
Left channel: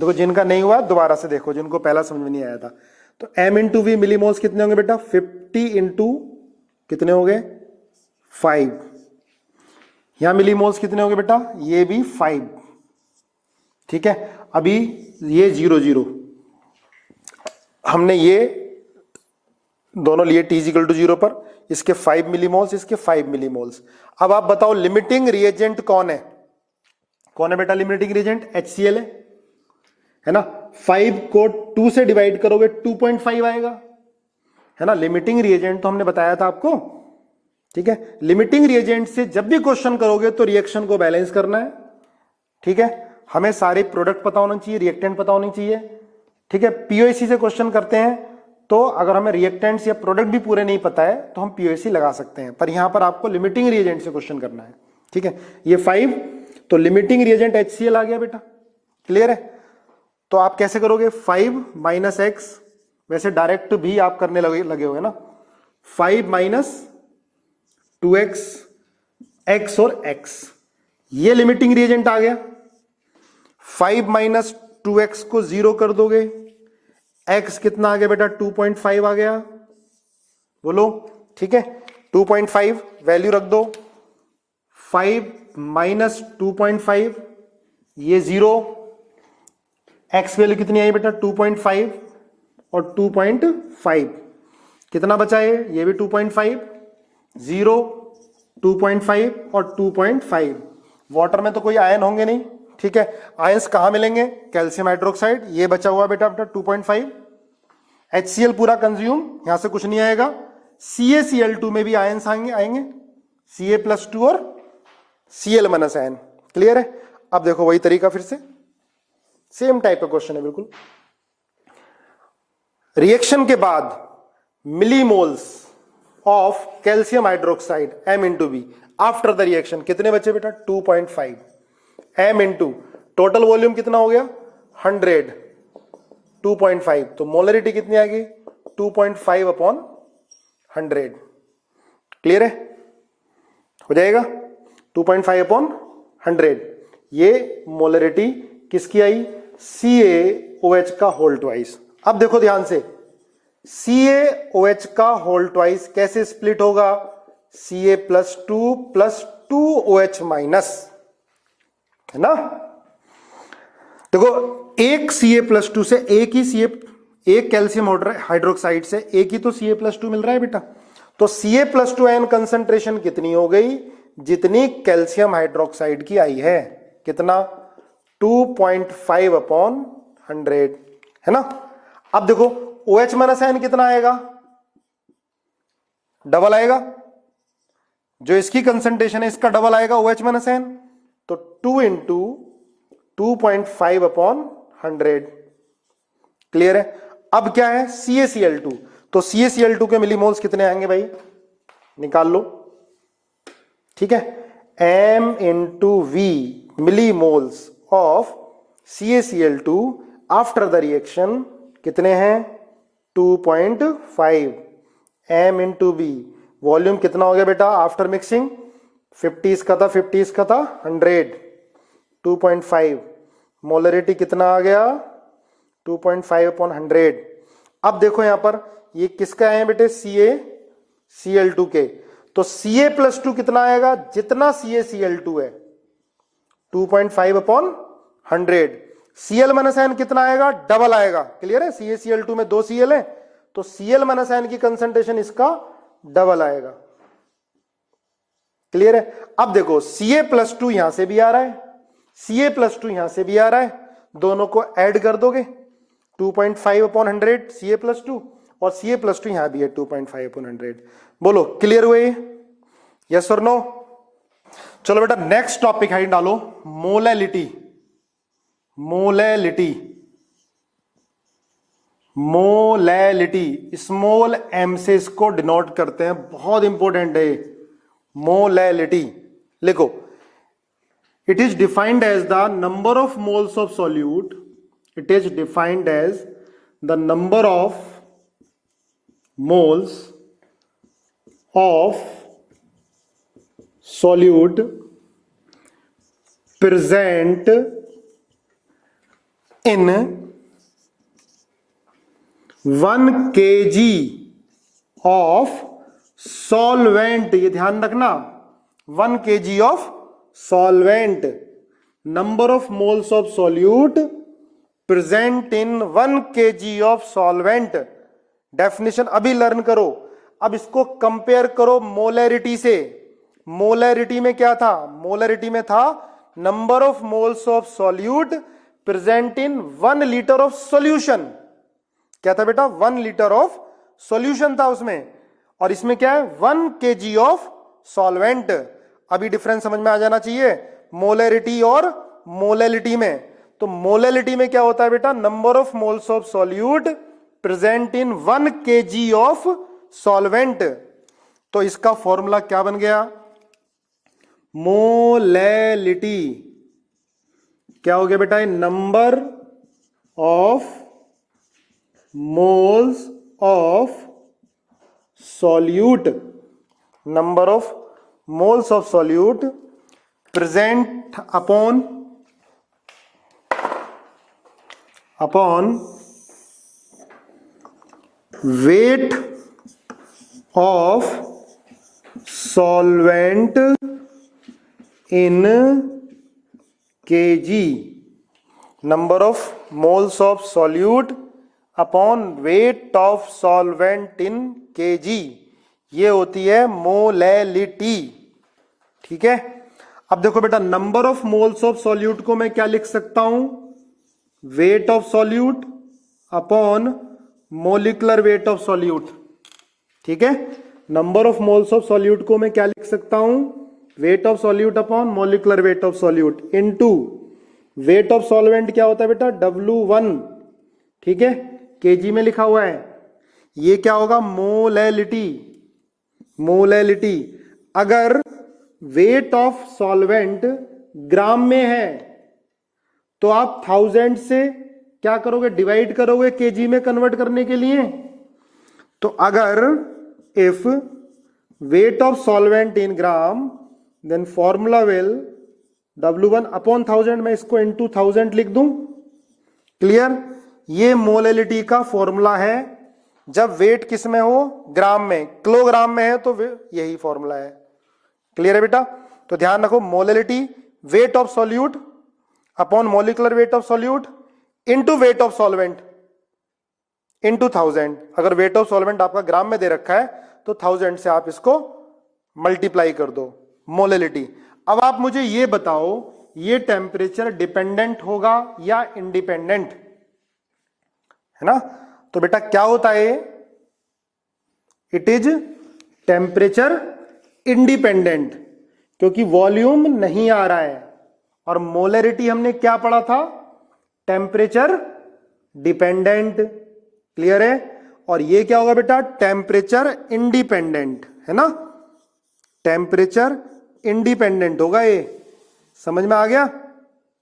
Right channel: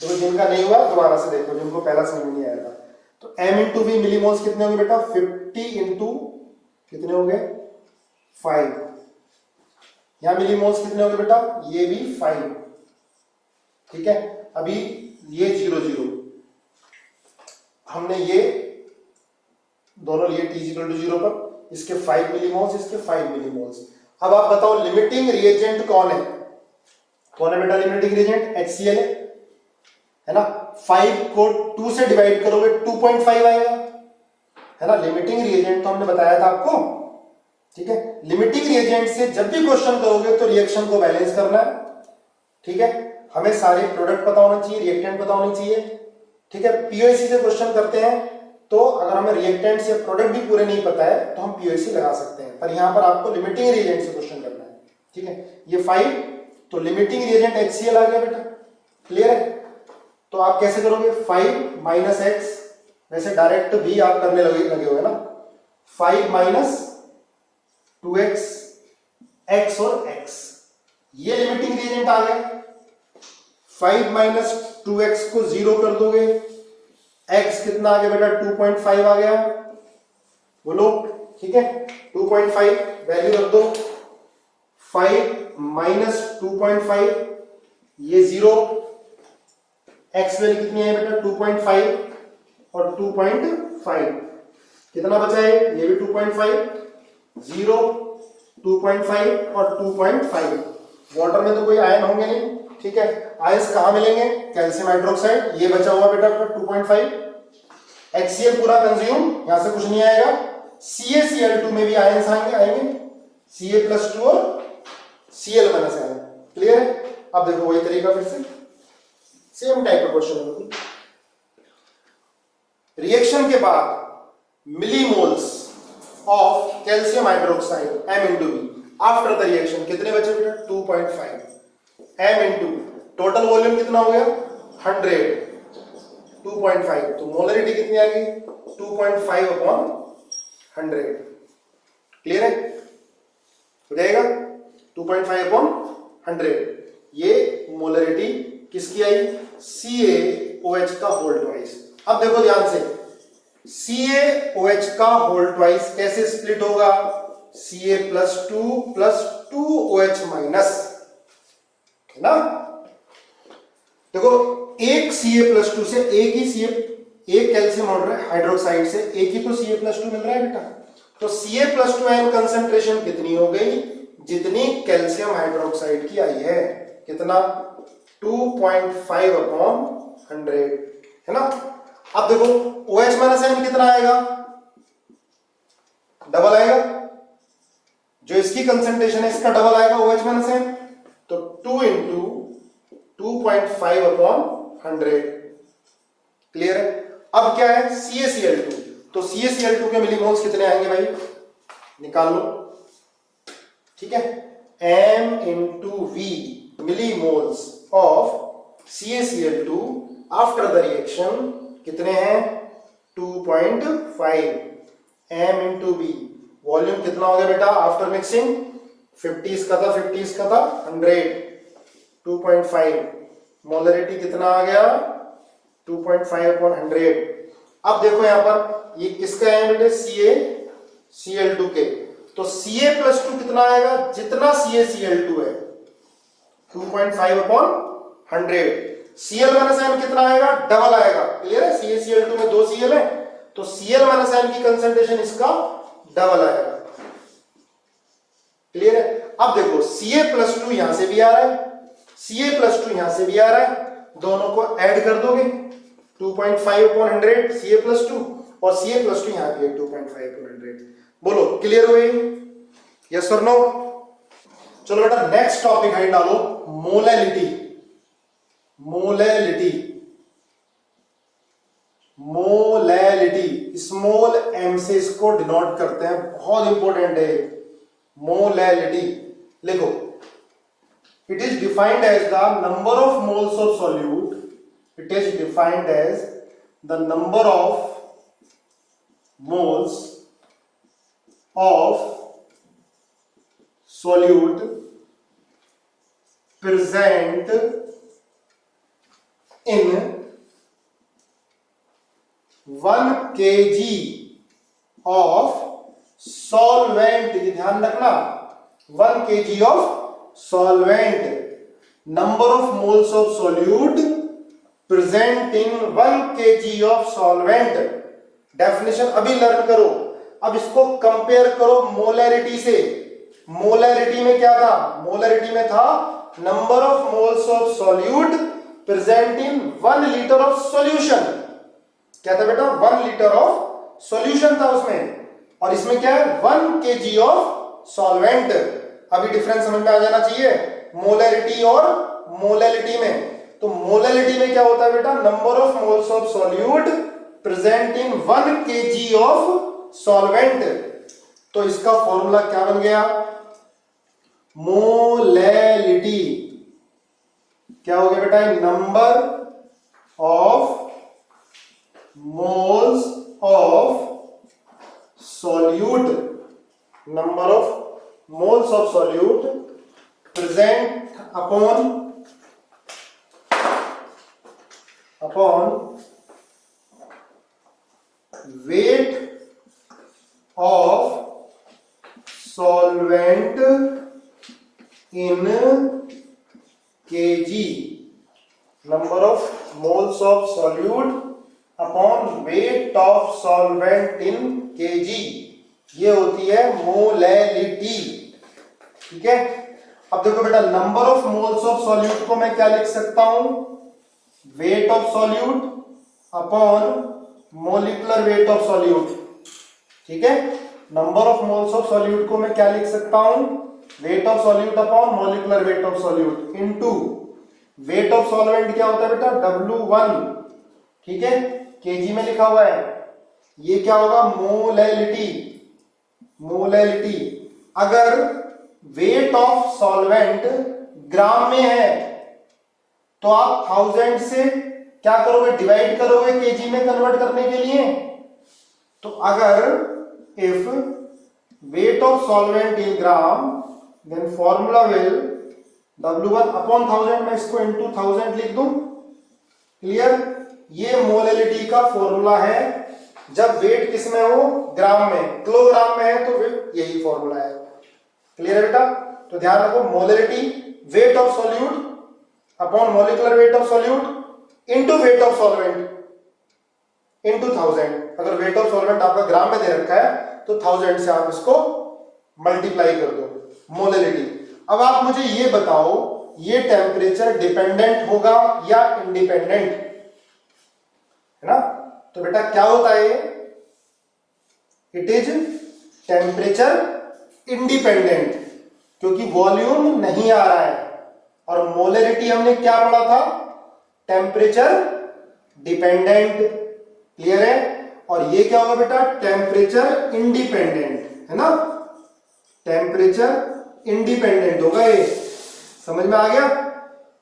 देखो जिनका नहीं हुआ दोबारा से देखो, जिनको पहला समझ में नहीं आया था। तो M into V millimoles कितने होंगे बेटा, 50 इंटू कितने हो गए 5। यहां मिली मोल्स कितने होंगे बेटा, ये भी 5, ठीक है। अभी ये 0 0 हमने ये दोनों लिए T = 0 पर, इसके 5 मिलीमोल्स, इसके 5 मिलीमोल्स। अब आप बताओ लिमिटिंग रिएजेंट कौन है, कौन है बेटा लिमिटिंग रिएजेंट, HCl है ना। 5 को 2 से डिवाइड करोगे 2.5 आएगा, है ना। लिमिटिंग रिएजेंट तो हमने बताया था आपको, ठीक है। लिमिटिंग रिएजेंट से जब भी क्वेश्चन करोगे तो रिएक्शन को बैलेंस करना है, ठीक है। हमें सारे प्रोडक्ट पता होना चाहिए, रिएक्टेंट पता होनी चाहिए, ठीक है। पीओसी से क्वेश्चन करते हैं तो अगर हमें रिएक्टेंट्स या प्रोडक्ट भी पूरे नहीं पता है तो हम पीओसी लगा सकते हैं, पर यहां पर आपको लिमिटिंग रिएजेंट से क्वेश्चन करना है, ठीक है। ये 5 तो लिमिटिंग रिएजेंट HCl आ गया बेटा, क्लियर है। तो आप कैसे करोगे, 5 माइनस एक्स, वैसे डायरेक्ट तो भी आप करने लगे हो ना। 5 माइनस 2x, x और x, ये लिमिटिंग रिएजेंट आ गया। 5 माइनस 2x को 0 कर दोगे, x कितना आ गया बेटा 2.5 आ गया, बोलो, ठीक है। 2.5 वैल्यू रख दो। 5 माइनस 2.5 ये 0, x वैल्यू कितनी आई बेटा 2.5 और 2.5 कितना बचा है, ये भी 2.5, 0, 2.5 और 2.5। वाटर में तो कोई आयन होंगे नहीं, ठीक है। आयंस कहां मिलेंगे, कैल्शियम हाइड्रोक्साइड, ये बचा हुआ बेटा 2.5। HCl पूरा कंज्यूम, यहां से कुछ नहीं आएगा। CaCl2 में भी आयंस आएंगे, Ca+2 और Cl- आयन, क्लियर है। अब देखो वही तरीका, फिर से सेम टाइप का क्वेश्चन है बिल्कुल। रिएक्शन के बाद millimoles of calcium hydroxide M into V after the reaction कितने बचे बेटा 2.5, M इंटू टोटल वॉल्यूम कितना हो गया 100, 2.5 तो मोलरिटी कितनी आएगी 2.5 अपॉन 100, क्लियर है, हो जाएगा 2.5 अपॉन 100। ये मोलरिटी किसकी आई, CaOH का होल ट्वाइस। अब देखो ध्यान से, CaOH का होल ट्वाइस कैसे स्प्लिट होगा, Ca+2 प्लस 2OH माइनस, है ना। देखो एक Ca+2 से एक कैल्शियम हाइड्रोक्साइड से एक ही तो Ca+2 मिल रहा है बेटा, तो Ca+2 आयन कंसंट्रेशन कितनी हो गई, जितनी कैल्शियम हाइड्रोक्साइड की आई है, कितना 2.5 अपॉन 100, है ना। अब देखो OH माइनस आयन कितना आएगा, डबल आएगा, जो इसकी कंसंट्रेशन है इसका डबल आएगा OH माइनस आयन, तो 2 इंटू 2.5 अपॉन 100, क्लियर है। अब क्या है CaCl2, तो CaCl2 के मिलीमोल्स कितने आएंगे भाई, निकाल लो। ठीक है, m into v millimoles of CaCl2 after the reaction कितने हैं, 2.5 m into v। वॉल्यूम कितना हो गया बेटा आफ्टर मिक्सिंग, 50 इसका था 50 इसका था 100, 2.5। मोलरिटी कितना आ गया, 2.5/100। अब देखो यहां पर ये किसका है बेटे, CaCl2 के, तो Ca+2 कितना आएगा, जितना CaCl2 है 2.5/100। Cl माइनस n कितना आएगा, डबल आएगा। क्लियर है, CaCl2 में 2 Cl है तो Cl माइनस n की कंसंट्रेशन इसका डबल आएगा। क्लियर है। अब देखो Ca+2 यहां से भी आ रहा है, Ca+2 यहां से भी आ रहा है, दोनों को ऐड कर दोगे 2.5/100 Ca+2 और Ca+2 यहां भी है 2.5/100। बोलो क्लियर हुए, यस और नो। चलो बेटा नेक्स्ट टॉपिक है डालो, molality. Molality, molality small m से इसको डिनोट करते हैं, बहुत इंपॉर्टेंट है मोलैलिटी। लिखो, it is defined as the number of moles of solute, it is defined as the number of moles of solute present in 1 kg of solvent। ये ध्यान रखना, 1 kg of solvent, number of moles of solute present in 1 kg of solvent। Definition अभी learn करो, अब इसको compare करो molarity से। Molarity में क्या था, मोलैरिटी में था number of moles of solute present in 1 litre of solution. क्या था बेटा, 1 लीटर ऑफ सॉल्यूशन था उसमें, और इसमें क्या है 1 kg ऑफ सॉल्वेंट। अभी डिफरेंस समझ में आ जाना चाहिए मोलैरिटी और मोलैलिटी में। तो मोलैलिटी में क्या होता है बेटा, number of moles of solute present in 1 kg of solvent. तो इसका फॉर्मूला क्या बन गया, मोलैलिटी क्या हो गया बेटा, number of moles of solute, number of moles of solute present upon weight of solvent in kg। number of moles of solute upon weight of solvent in kg, ये होती है मोलैलिटी। ठीक है, अब देखो बेटा number of moles of solute को मैं क्या लिख सकता हूं, weight of solute upon molecular weight of solute. ठीक है, number of moles of solute को मैं क्या लिख सकता हूं, weight of solute upon molecular weight of solute into wait of solvent क्या होता है बेटा, W1। ठीक है, केजी में लिखा हुआ है, ये क्या होगा मोलैलिटी। मोलैलिटी, अगर वेट ऑफ सॉल्वेंट ग्राम में है तो आप 1000 से क्या करोगे, डिवाइड करोगे केजी में कन्वर्ट करने के लिए। तो अगर if weight of solvent in gram then formula will W1 upon 1000, मैं इसको इनटू 1000 लिख दूं। क्लियर, ये मोलैलिटी का फॉर्मूला है जब वेट किस में हो, ग्राम में। किलोग्राम में है तो यही फॉर्मूला है। क्लियर है बेटा, तो ध्यान रखो molality weight of solute upon molecular weight of solute into wait of solvent into 1000। अगर वेट ऑफ सॉल्वेंट आपका ग्राम में दे रखा है तो 1000 से आप इसको मल्टीप्लाई कर दो, मोलैलिटी। अब आप मुझे ये बताओ, ये टेम्परेचर डिपेंडेंट होगा या इंडिपेंडेंट, है ना। तो बेटा क्या होता है, इट इज टेम्परेचर इंडिपेंडेंट, क्योंकि वॉल्यूम नहीं आ रहा है। और मोलैरिटी हमने क्या पढ़ा था, टेम्परेचर डिपेंडेंट। क्लियर है, और ये क्या होगा बेटा, टेम्परेचर इंडिपेंडेंट, है ना, टेम्परेचर इंडिपेंडेंट होगा ये। समझ में आ गया?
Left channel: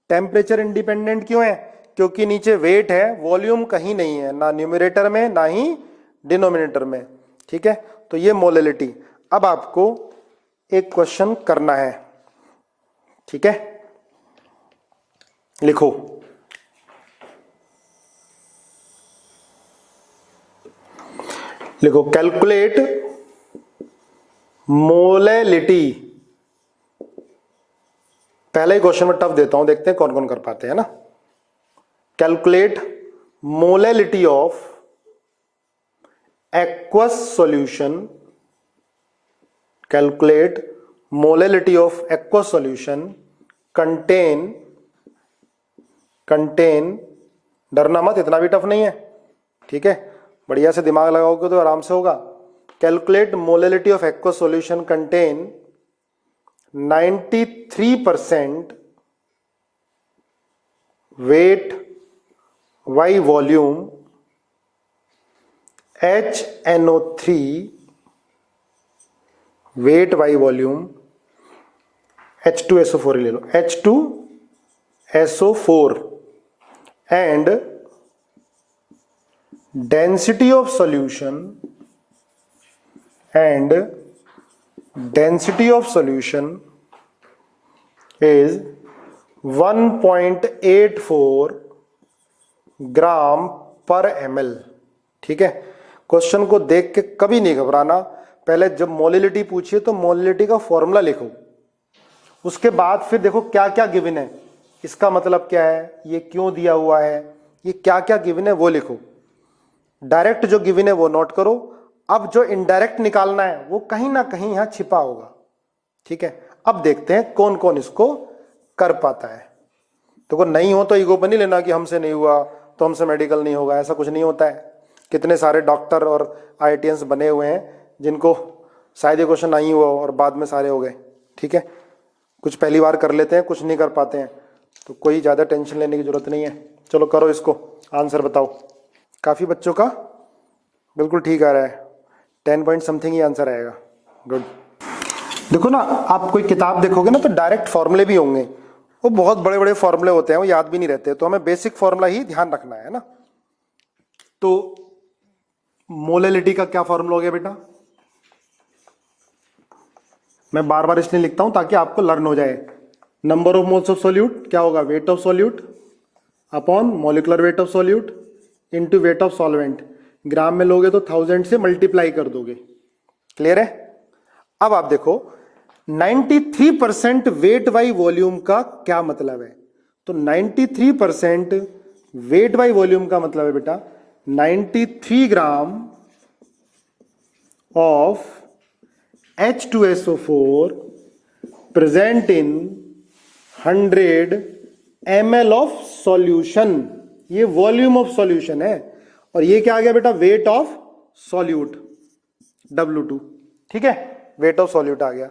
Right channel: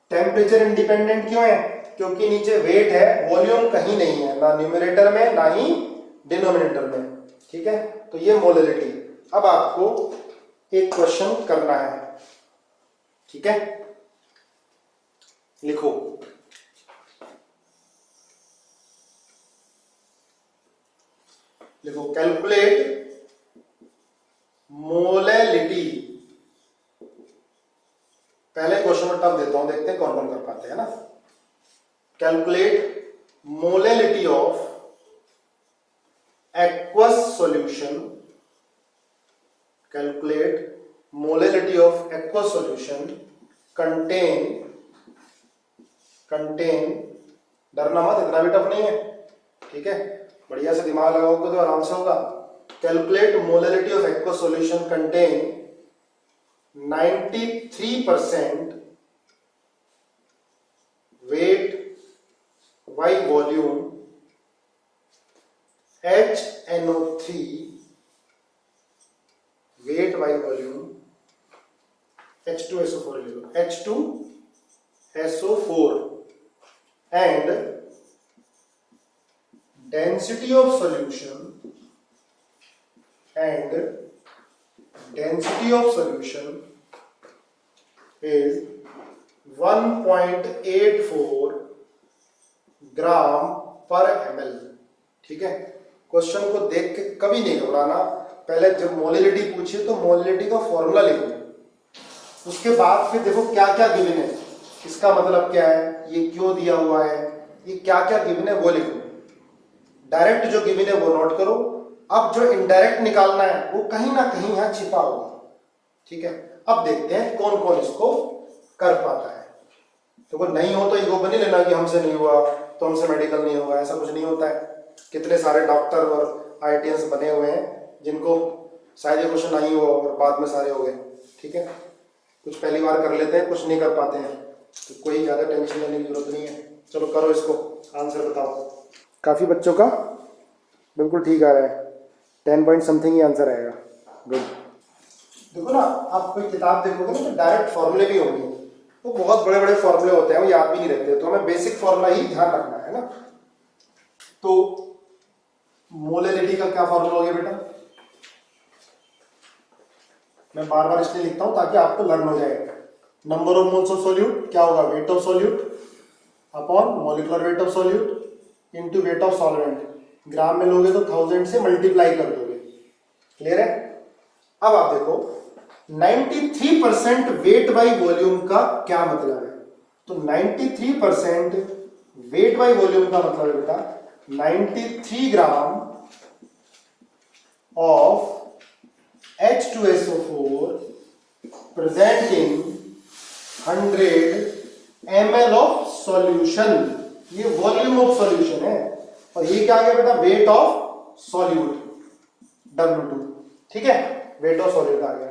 टेम्परेचर इंडिपेंडेंट क्यों है? क्योंकि नीचे वेट है, वॉल्यूम कहीं नहीं है, ना न्यूमरेटर में ना ही डिनोमिनेटर में। ठीक है, तो ये मोलैलिटी। अब आपको एक क्वेश्चन करना है, ठीक है, लिखो। लिखो, कैलकुलेट मोलैलिटी। पहले क्वेश्चन में टफ देता हूं, देखते हैं कौन कौन कर पाते हैं ना। Calculate molality of aqueous solution, calculate molality of aqueous solution contain, डरना मत, इतना भी टफ नहीं है, ठीक है, बढ़िया से दिमाग लगाओगे तो आराम से होगा। Calculate molality of aqueous solution contain 93% weight by volume HNO3 weight by volume, H2SO4 ले लो, H2SO4 and density of solution is 1.84 ग्राम पर ml। ठीक है, क्वेश्चन को देख के कभी नहीं घबराना। पहले जब मोलैलिटी पूछिए तो मोलैलिटी का फॉर्मूला लिखो, उसके बाद फिर देखो क्या क्या गिवन है, इसका मतलब क्या है, ये क्यों दिया हुआ है, ये क्या क्या गिवन है वो लिखो। डायरेक्ट जो गिवन है वो नोट करो, अब जो इनडायरेक्ट निकालना है वो कहीं ना कहीं यहां छिपा होगा। ठीक है, अब देखते हैं कौन कौन इसको कर पाता है। तो नहीं हो तो ईगो बनी लेना कि हमसे नहीं हुआ तो हमसे मेडिकल नहीं होगा, ऐसा कुछ नहीं होता है। कितने सारे डॉक्टर और IITians बने हुए हैं जिनको शायद ये क्वेश्चन नहीं हुआ और बाद में सारे हो गए। ठीक है, कुछ पहली बार कर लेते हैं, कुछ नहीं कर पाते हैं, तो कोई ज़्यादा टेंशन लेने की जरूरत नहीं है। चलो करो इसको, आंसर बताओ। काफ़ी बच्चों का बिल्कुल ठीक आ रहा है, 10 पॉइंट समथिंग ही आंसर आएगा। गुड। देखो ना, आप कोई किताब देखोगे ना तो डायरेक्ट फॉर्मूले भी होंगे, वो बहुत बड़े बड़े फॉर्मूले होते हैं, वो याद भी नहीं रहते, तो हमें बेसिक फॉर्मूला ही ध्यान रखना है ना। तो मोलैलिटी का क्या फॉर्मूला हो गया बेटा, मैं बार बार इसलिए लिखता हूं ताकि आपको लर्न हो जाए। Number of moles of solute क्या होगा, weight of solute upon molecular weight of solute into wait of solvent. ग्राम में लोगे तो 1000 से मल्टीप्लाई कर दोगे। क्लियर है? अब आप देखो 93% वेट बाई वॉल्यूम का क्या मतलब है। तो 93% वेट बाई वॉल्यूम का मतलब है बेटा 93 gram of H2SO4 present in 100 ml of solution. ये वॉल्यूम ऑफ सॉल्यूशन है, और ये क्या आ गया बेटा, वेट ऑफ सॉल्यूट W2। ठीक है, वेट ऑफ सॉल्यूट आ गया।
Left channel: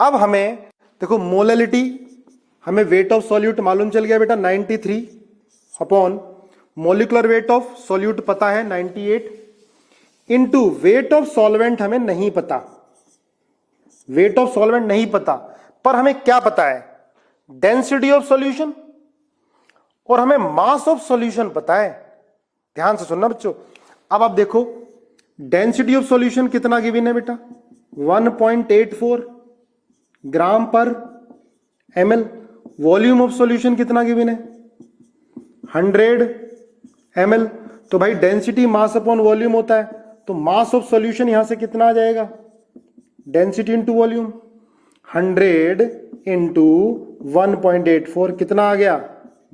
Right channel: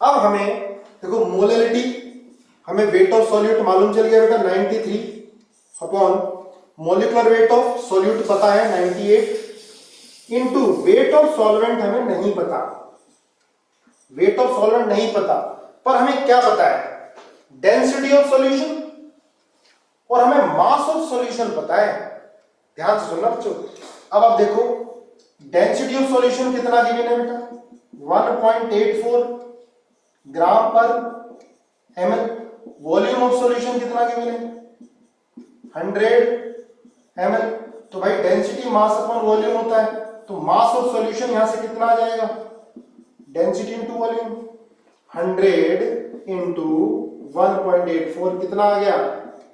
अब हमें देखो मोलैलिटी, हमें वेट ऑफ सॉल्यूट मालूम चल गया बेटा 93 upon molecular weight of solute पता है 98 इनटू वेट ऑफ सॉल्वेंट हमें नहीं पता। वेट ऑफ सॉल्वेंट नहीं पता, पर हमें क्या पता है, डेंसिटी ऑफ सॉल्यूशन, और हमें मास ऑफ सॉल्यूशन पता है। ध्यान से सुनना बच्चों। अब आप देखो डेंसिटी ऑफ सॉल्यूशन कितना गिवन है बेटा, 1.84 ग्राम पर ml। वॉल्यूम ऑफ सॉल्यूशन कितना गिवन है, 100 ml। तो भाई डेंसिटी मास अपॉन वॉल्यूम होता है, तो मास ऑफ सॉल्यूशन यहां से कितना आ जाएगा, डेंसिटी इंटू वॉल्यूम, 100 इंटू 1.84 कितना आ गया,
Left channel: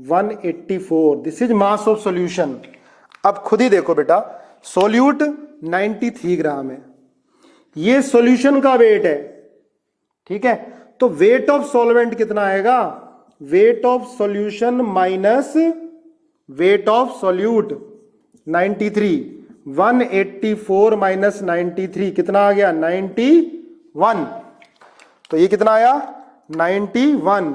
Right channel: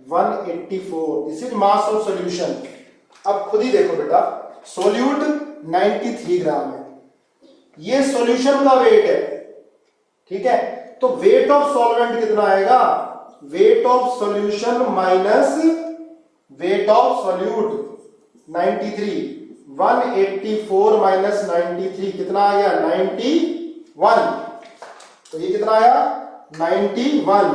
184। This is mass of solution. अब खुद ही देखो बेटा, सॉल्यूट 93 ग्राम है, ये सॉल्यूशन का वेट है। ठीक है, तो वेट ऑफ सॉल्वेंट कितना आएगा, weight of solution minus weight of solute 93, 184 minus 93 कितना आ गया, 91। तो ये कितना आया, 91।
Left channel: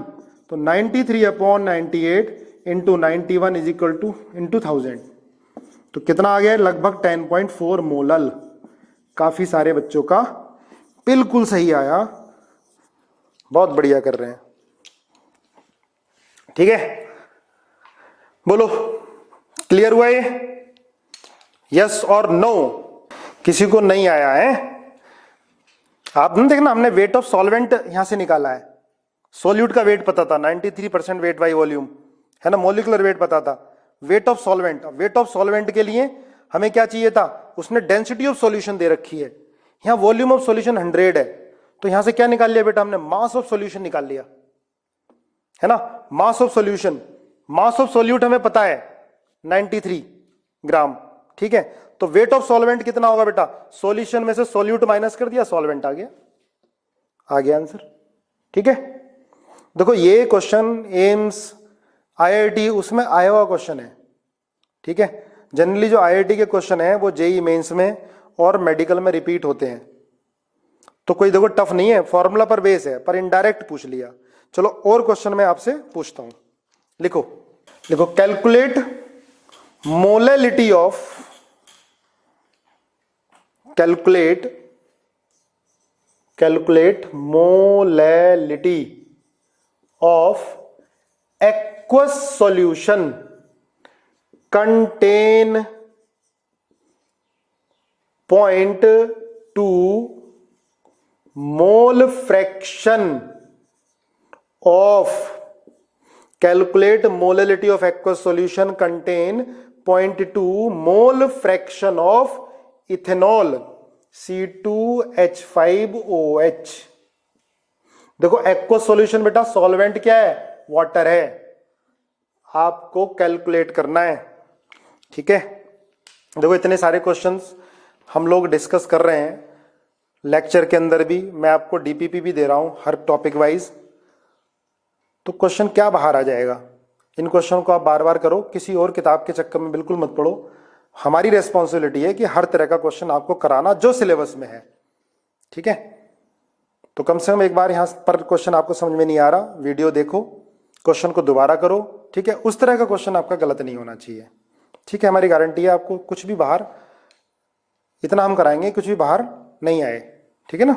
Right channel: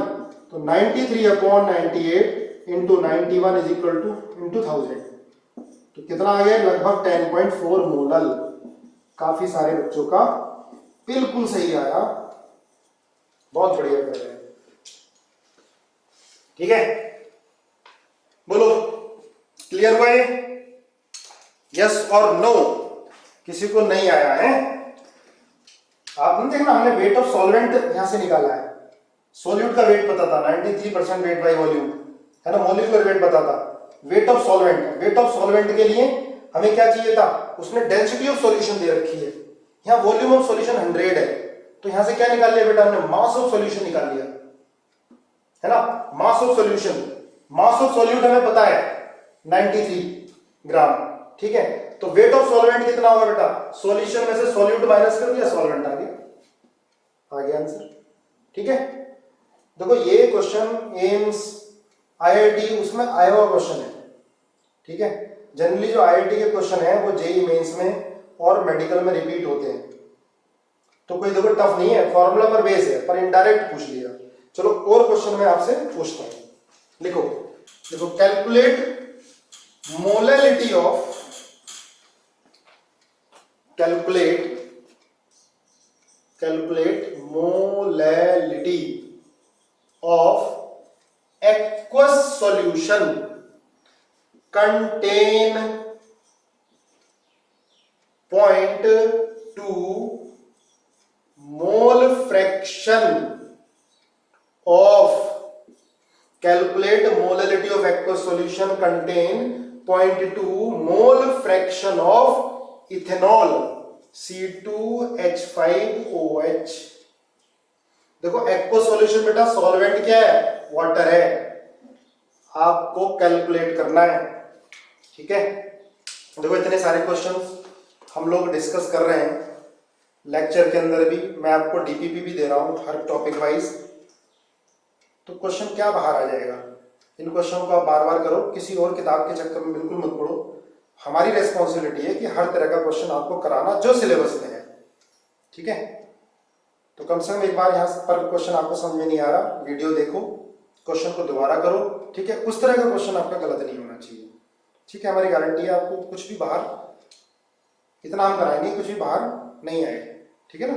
तो 93 upon 98 into 91 is equal two into 1000। तो कितना आ गया, लगभग 10.4 मोलल। काफी सारे बच्चों का बिल्कुल सही आया, बहुत बढ़िया कर रहे हैं। ठीक है, बोलो क्लियर हुआ ये? यस और नो? किसी को नहीं आया है? आपने देखना, हमने वेट ऑफ सॉल्वेंट यहां से निकाला है। सोल्यूट का वेट पता था 93% वेट बाई वॉल्यूम, है ना। मॉलिक्यूलर वेट पता था। Wait of solvent, wait of solvent के लिए हमें क्या चाहिए था, उसने डेंसिटी ऑफ सॉल्यूशन दे रखी है। यहां वॉल्यूम ऑफ सॉल्यूशन 100 है, तो यहां से क्या निकाल लिया बेटा हमने, मास ऑफ सॉल्यूशन निकाल लिया, है ना। Mass of solution, mass of solute हमें पता है 93 ग्राम। ठीक है, तो वेट ऑफ सॉल्वेंट कितना होगा बेटा, सॉल्यूशन में से सॉल्यूट माइनस कर दिया, सॉल्वेंट आ गया, आ गया आंसर। ठीक है, देखो ये क्वेश्चन एम्स आईआईटी उसमें आया हुआ क्वेश्चन है। ठीक है, जनरली जो आईआईटी के क्वेश्चन है वो जेई मेंस में और मेडिकल में रिपीट होते हैं, तो कोई देखो टफ नहीं है, फॉर्मूला पर बेस है, पर इनडायरेक्ट पूछ लिया। चलो और क्वेश्चन मैं आपसे पूछता हूं, लिखो लिखो, calculate molality of, calculate molality of aqueous solution contain 0.2 mole fraction of, calculate molality of aqueous solution contain 0.2 mole fraction of ethanol C2H5OH। देखो एक्वस सॉल्यूशन बेटा सॉल्वेंट क्या है, वाटर है, आपको कैलकुलेट करना है। ठीक है, देखो इतने सारे क्वेश्चंस हम लोग डिस्कस कर रहे हैं लेक्चर के अंदर भी, मैं आपको डीपीपी भी दे रहा हूं हर टॉपिक वाइज, तो क्वेश्चन क्या बाहर आ जाएगा। इन क्वेश्चन को आप बार बार करो, किसी और किताब के चक्कर में बिल्कुल मत पड़ो। हमारी रेस्पॉन्सिबिलिटी है कि हर तरह का क्वेश्चन आपको कराना जो सिलेबस में है। ठीक है, तो कम से कम एक बार यहां पर क्वेश्चन आपको समझ में नहीं आ रहा, वीडियो देखो, क्वेश्चन को दोबारा करो। ठीक है, उस तरह का क्वेश्चन आपका गलत नहीं होना चाहिए। ठीक है, हमारी गारंटी है आपको कुछ भी बाहर, इतना हम कराएंगे कुछ भी बाहर नहीं आए। ठीक है ना,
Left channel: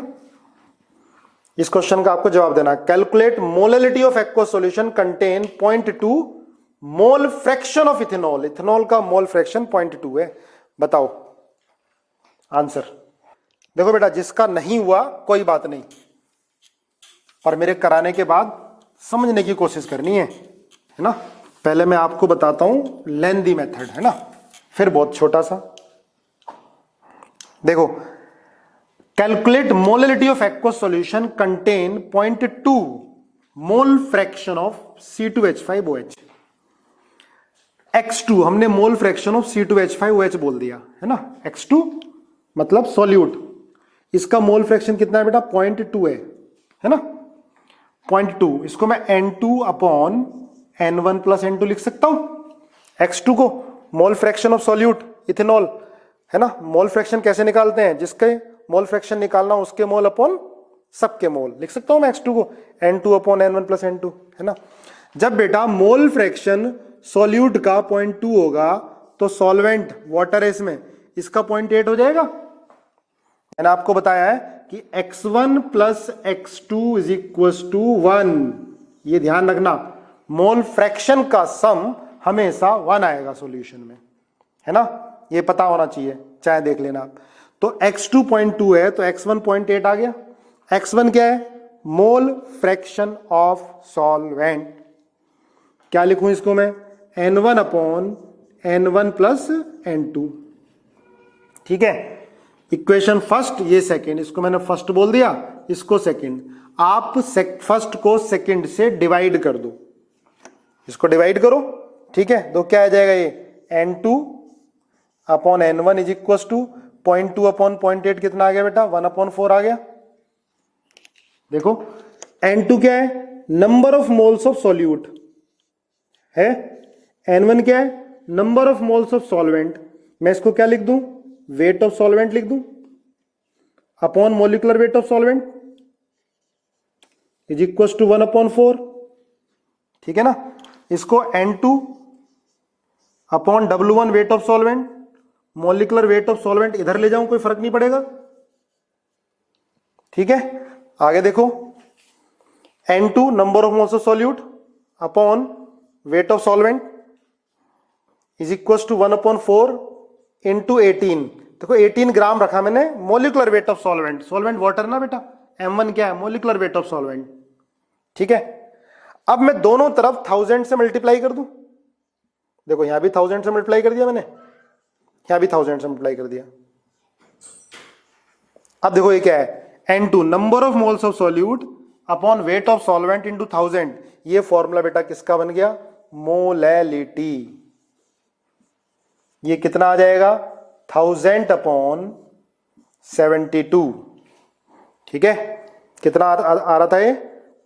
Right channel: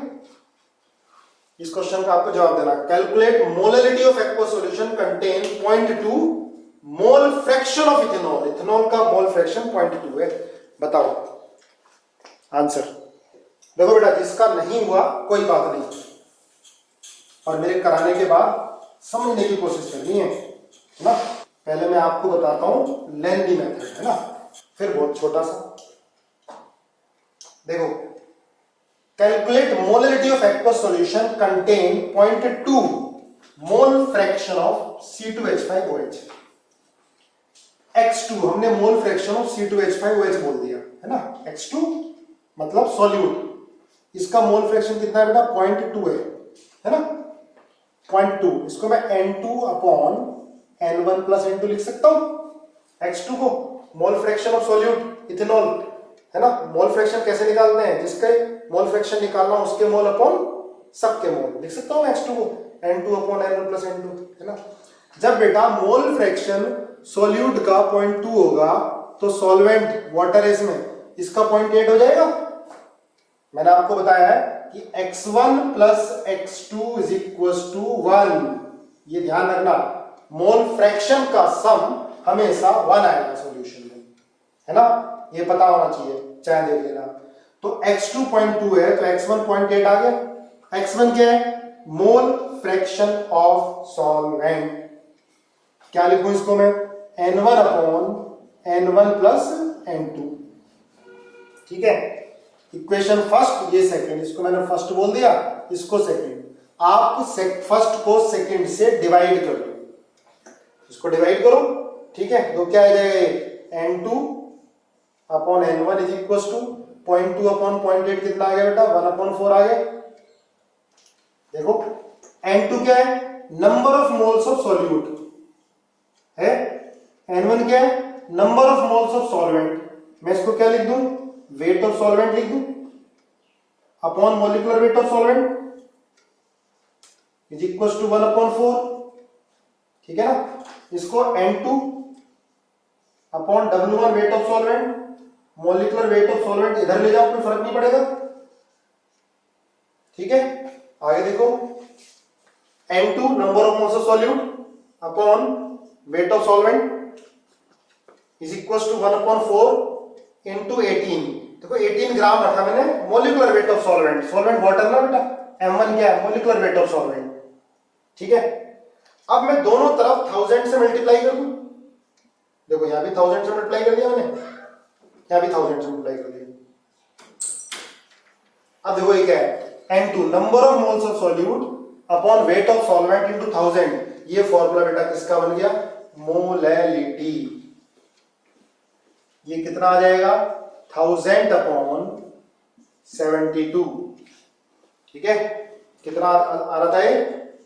इस क्वेश्चन का आपको जवाब देना, calculate molality of aqueous solution contain 0.2 mole fraction of ethanol. Ethanol का मोल फ्रैक्शन 0.2 है, बताओ आंसर। देखो बेटा जिसका नहीं हुआ कोई बात नहीं, और मेरे कराने के बाद समझने की कोशिश करनी है ना। पहले मैं आपको बताता हूं लेंदी मेथड, है ना, फिर बहुत छोटा सा। देखो, calculate molality of aqueous solution contain 0.2 mole fraction of C2H5OH। X2 हमने मोल फ्रैक्शन ऑफ C2H5OH बोल दिया, है ना। X2 मतलब सॉल्यूट, इसका मोल फ्रैक्शन कितना है बेटा, 0.2 है ना, 0.2। इसको मैं N2/N1 + N2 लिख सकता हूं। X2 को mole fraction of solute ethanol, है ना। मोल फ्रैक्शन कैसे निकालते हैं, जिसके मोल फ्रैक्शन निकालना उसके मोल अपॉन सबके मोल, लिख सकता हूं मैं X2 को N2/N1 + N2, है ना। जब बेटा मोल फ्रैक्शन सॉल्यूट का 0.2 होगा तो सॉल्वेंट वाटर है इसमें, इसका 0.8 हो जाएगा। मैंने आपको बताया है कि x1 + x2 = 1। ये ध्यान रखना, मोल फ्रैक्शन का सम हमेशा 1 आएगा सॉल्यूशन में, है ना, ये पता होना चाहिए, चाहे देख लेना आप। तो x2 0.2 है तो x1 0.8 आ गया। x1 क्या है, मोल फ्रैक्शन ऑफ सॉल्वेंट। क्या लिखूं इसको मैं, N1/N1 + N2। ठीक है, इक्वेशन फर्स्ट, ये सेकंड, इसको मैंने फर्स्ट बोल दिया, इसको सेकंड। आप फर्स्ट को सेकंड से डिवाइड कर दो, इसको डिवाइड करो। ठीक है, तो क्या आ जाएगा ये, N2/N1 = 0.2/0.8 कितना आ गया बेटा, 1/4 आ गया। देखो N2 क्या है, number of moles of solute है, N1 क्या है, number of moles of solvent. मैं इसको क्या लिख दूं, वेट ऑफ सॉल्वेंट लिख दूं, upon molecular weight of solvent = 1/4। ठीक है ना, इसको N2/W1 wait of solvent molecular weight of solvent इधर ले जाऊं कोई फर्क नहीं पड़ेगा। ठीक है, आगे देखो, N2 number of moles of solute upon weight of solvent is equal to 1/4 into 18। देखो 18 ग्राम रखा मैंने molecular weight of solvent, solvent water ना बेटा, M1 क्या है, मोलिकुलर वेट ऑफ सॉल्वेंट। ठीक है, अब मैं दोनों तरफ 1000 से मल्टीप्लाई कर दूं। देखो यहां भी 1000 से मल्टीप्लाई कर दिया मैंने, यहां भी 1000 से मल्टीप्लाई कर दिया। अब देखो ये क्या है, N2 number of moles of solute upon weight of solvent into 1000। ये फॉर्मूला बेटा किसका बन गया, मोलैलिटी। ये कितना आ जाएगा, 1000 अपॉन 72। ठीक है, कितना आ रहा था ये,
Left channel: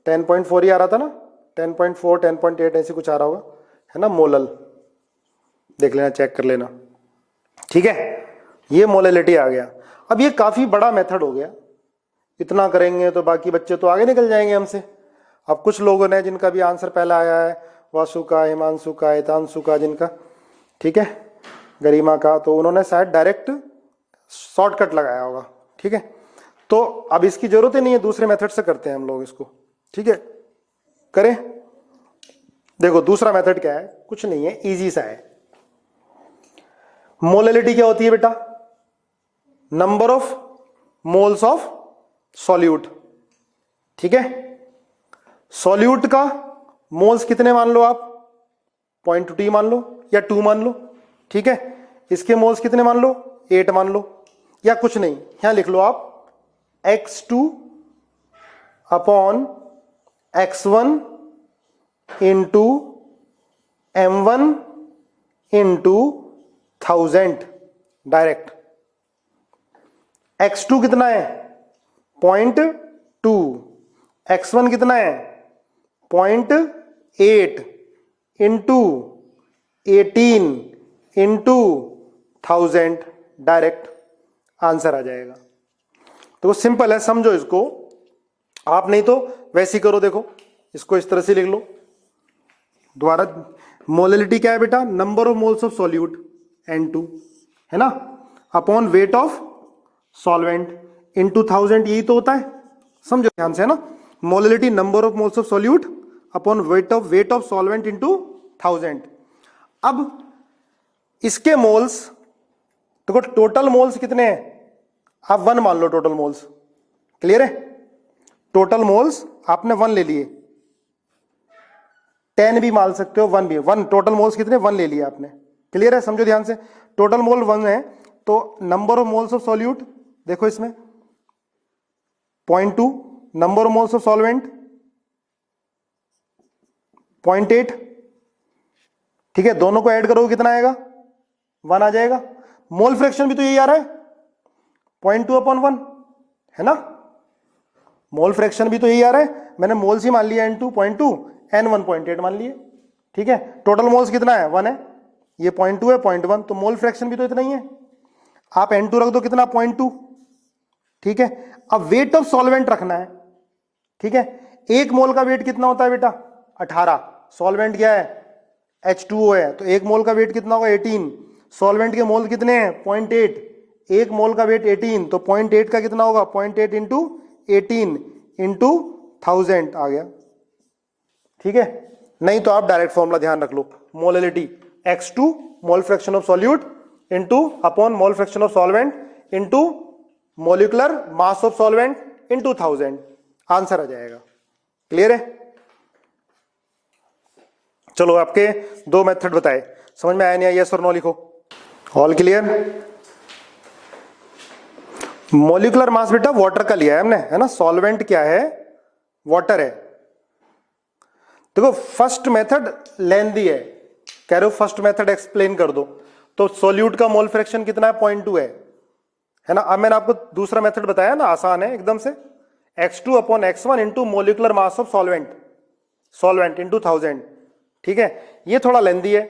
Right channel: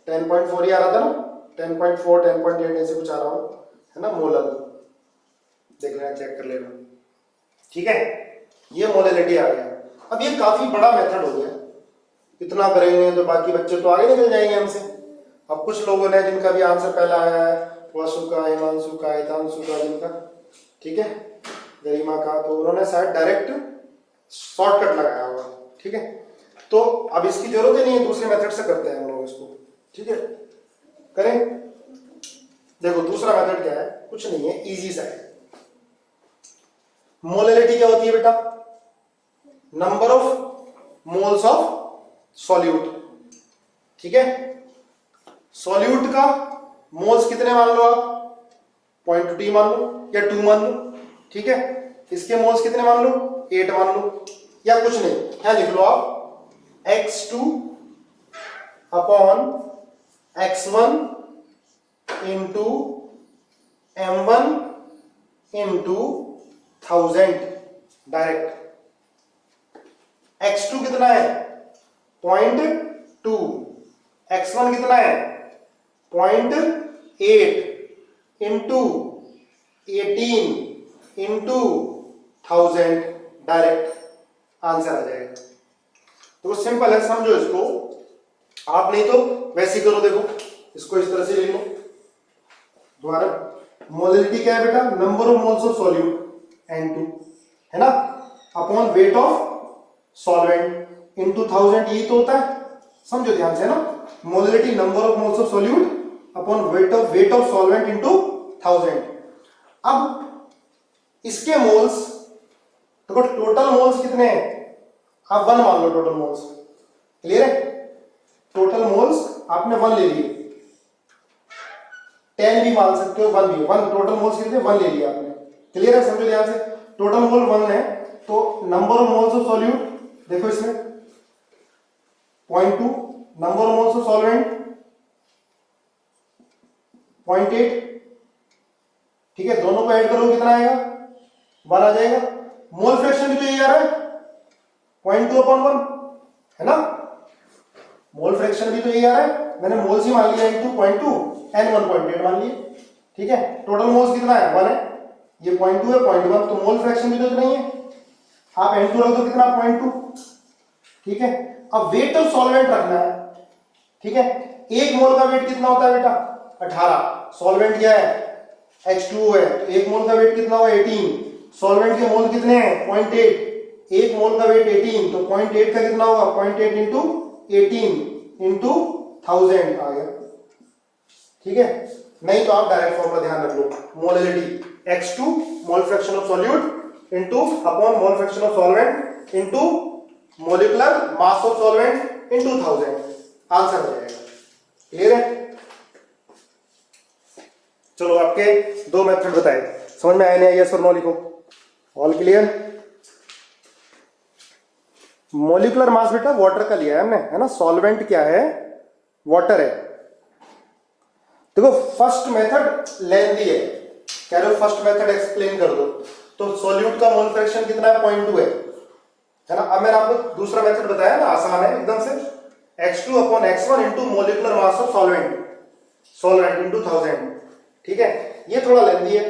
10.4 ही आ रहा था ना, 10.4 10.8 ऐसे कुछ आ रहा होगा, है ना, मोलल। देख लेना, चेक कर लेना। ठीक है, ये मोलैलिटी आ गया। अब ये काफी बड़ा मेथड हो गया, इतना करेंगे तो बाकी बच्चे तो आगे निकल जाएंगे हमसे। अब कुछ लोगों ने जिनका भी आंसर पहला आया है, वासु का, हिमांशु का, हितांशु का, जिनका, ठीक है, गरिमा का, तो उन्होंने शायद डायरेक्ट शॉर्टकट लगाया होगा। ठीक है, तो अब इसकी जरूरत ही नहीं है, दूसरे मेथड से करते हैं हम लोग इसको। ठीक है, करें। देखो दूसरा मेथड क्या है, कुछ नहीं है, इजी सा है। मोलैलिटी क्या होती है बेटा, number of moles of solute. ठीक है, सॉल्यूट का मोल्स कितने मान लो आप, 0.2 मान लो या 2 मान लो। ठीक है, इसके मोल्स कितने मान लो, 8 मान लो, या कुछ नहीं, यहां लिख लो आप x2 upon x1 into m1 into 1000 direct. x2 कितना है, 0.2, x1 कितना है, 0.8 इंटू 18 इंटू 1000 डायरेक्ट आंसर आ जाएगा। तो सिंपल है, समझो इसको आप, नहीं तो वैसे ही करो। देखो इसको इस तरह से लिख लो दोबारा। मोलैलिटी क्या है बेटा, number of moles of solute N2, है ना, upon weight of solvent into 1000, यही तो होता है, समझो ध्यान से, है ना। Molality number of moles of solute upon weight of solvent into 1000। अब इसके मोल्स, देखो टोटल मोल्स कितने हैं, आप 1 मान लो टोटल मोल्स। क्लियर है, टोटल मोल्स आपने 1 ले लिए, 10 भी मान सकते हो, 1 भी, 1 टोटल मोल्स कितने, 1 ले लिया आपने। क्लियर है, समझो ध्यान से, टोटल मोल 1 है, तो number of moles of solute देखो इसमें 0.2, number of moles of solvent 0.8। ठीक है, दोनों को ऐड करोगे कितना आएगा, 1 आ जाएगा। मोल फ्रैक्शन भी तो यही आ रहा है, 0.2 अपॉन 1, है ना, मोल फ्रैक्शन भी तो यही आ रहा है। मैंने मोल्स ही मान लिया, N2 0.2, N1 0.8 मान लिए। ठीक है, टोटल मोल्स कितना है, 1 है, ये 0.2 है, 0.1, तो मोल फ्रैक्शन भी तो इतना ही है। आप N2 रख दो कितना, 0.2। ठीक है, अब वेट ऑफ सॉल्वेंट रखना है। ठीक है, एक मोल का वेट कितना होता है बेटा, 18। सॉल्वेंट क्या है, H2O है, तो एक मोल का वेट कितना होगा, 18। सॉल्वेंट के मोल कितने हैं, 0.8, एक मोल का वेट 18, तो 0.8 का कितना होगा, 0.8 इंटू 18 इंटू 1000 आ गया। ठीक है, नहीं तो आप डायरेक्ट फॉर्मूला ध्यान रख लो, molality x2 mole fraction of solute into upon mole fraction of solvent into molecular mass of solvent into 1000, answer आ जाएगा। क्लियर है, चलो आपके 2 मेथड बताए, समझ में आया नहीं, यस और नो लिखो। All clear. मोलिकुलर मास बेटा वाटर का लिया है हमने, है ना, सॉल्वेंट क्या है, वाटर है। देखो फर्स्ट मेथड लेंदी है, कह रहे हो फर्स्ट मेथड एक्सप्लेन कर दो, तो सॉल्यूट का मोल फ्रैक्शन कितना है, 0.2 है ना। अब मैंने आपको दूसरा मेथड बताया ना, आसान है एकदम से, x2 upon x1 into molecular mass of solvent into 1000। ठीक है, ये थोड़ा लेंदी है,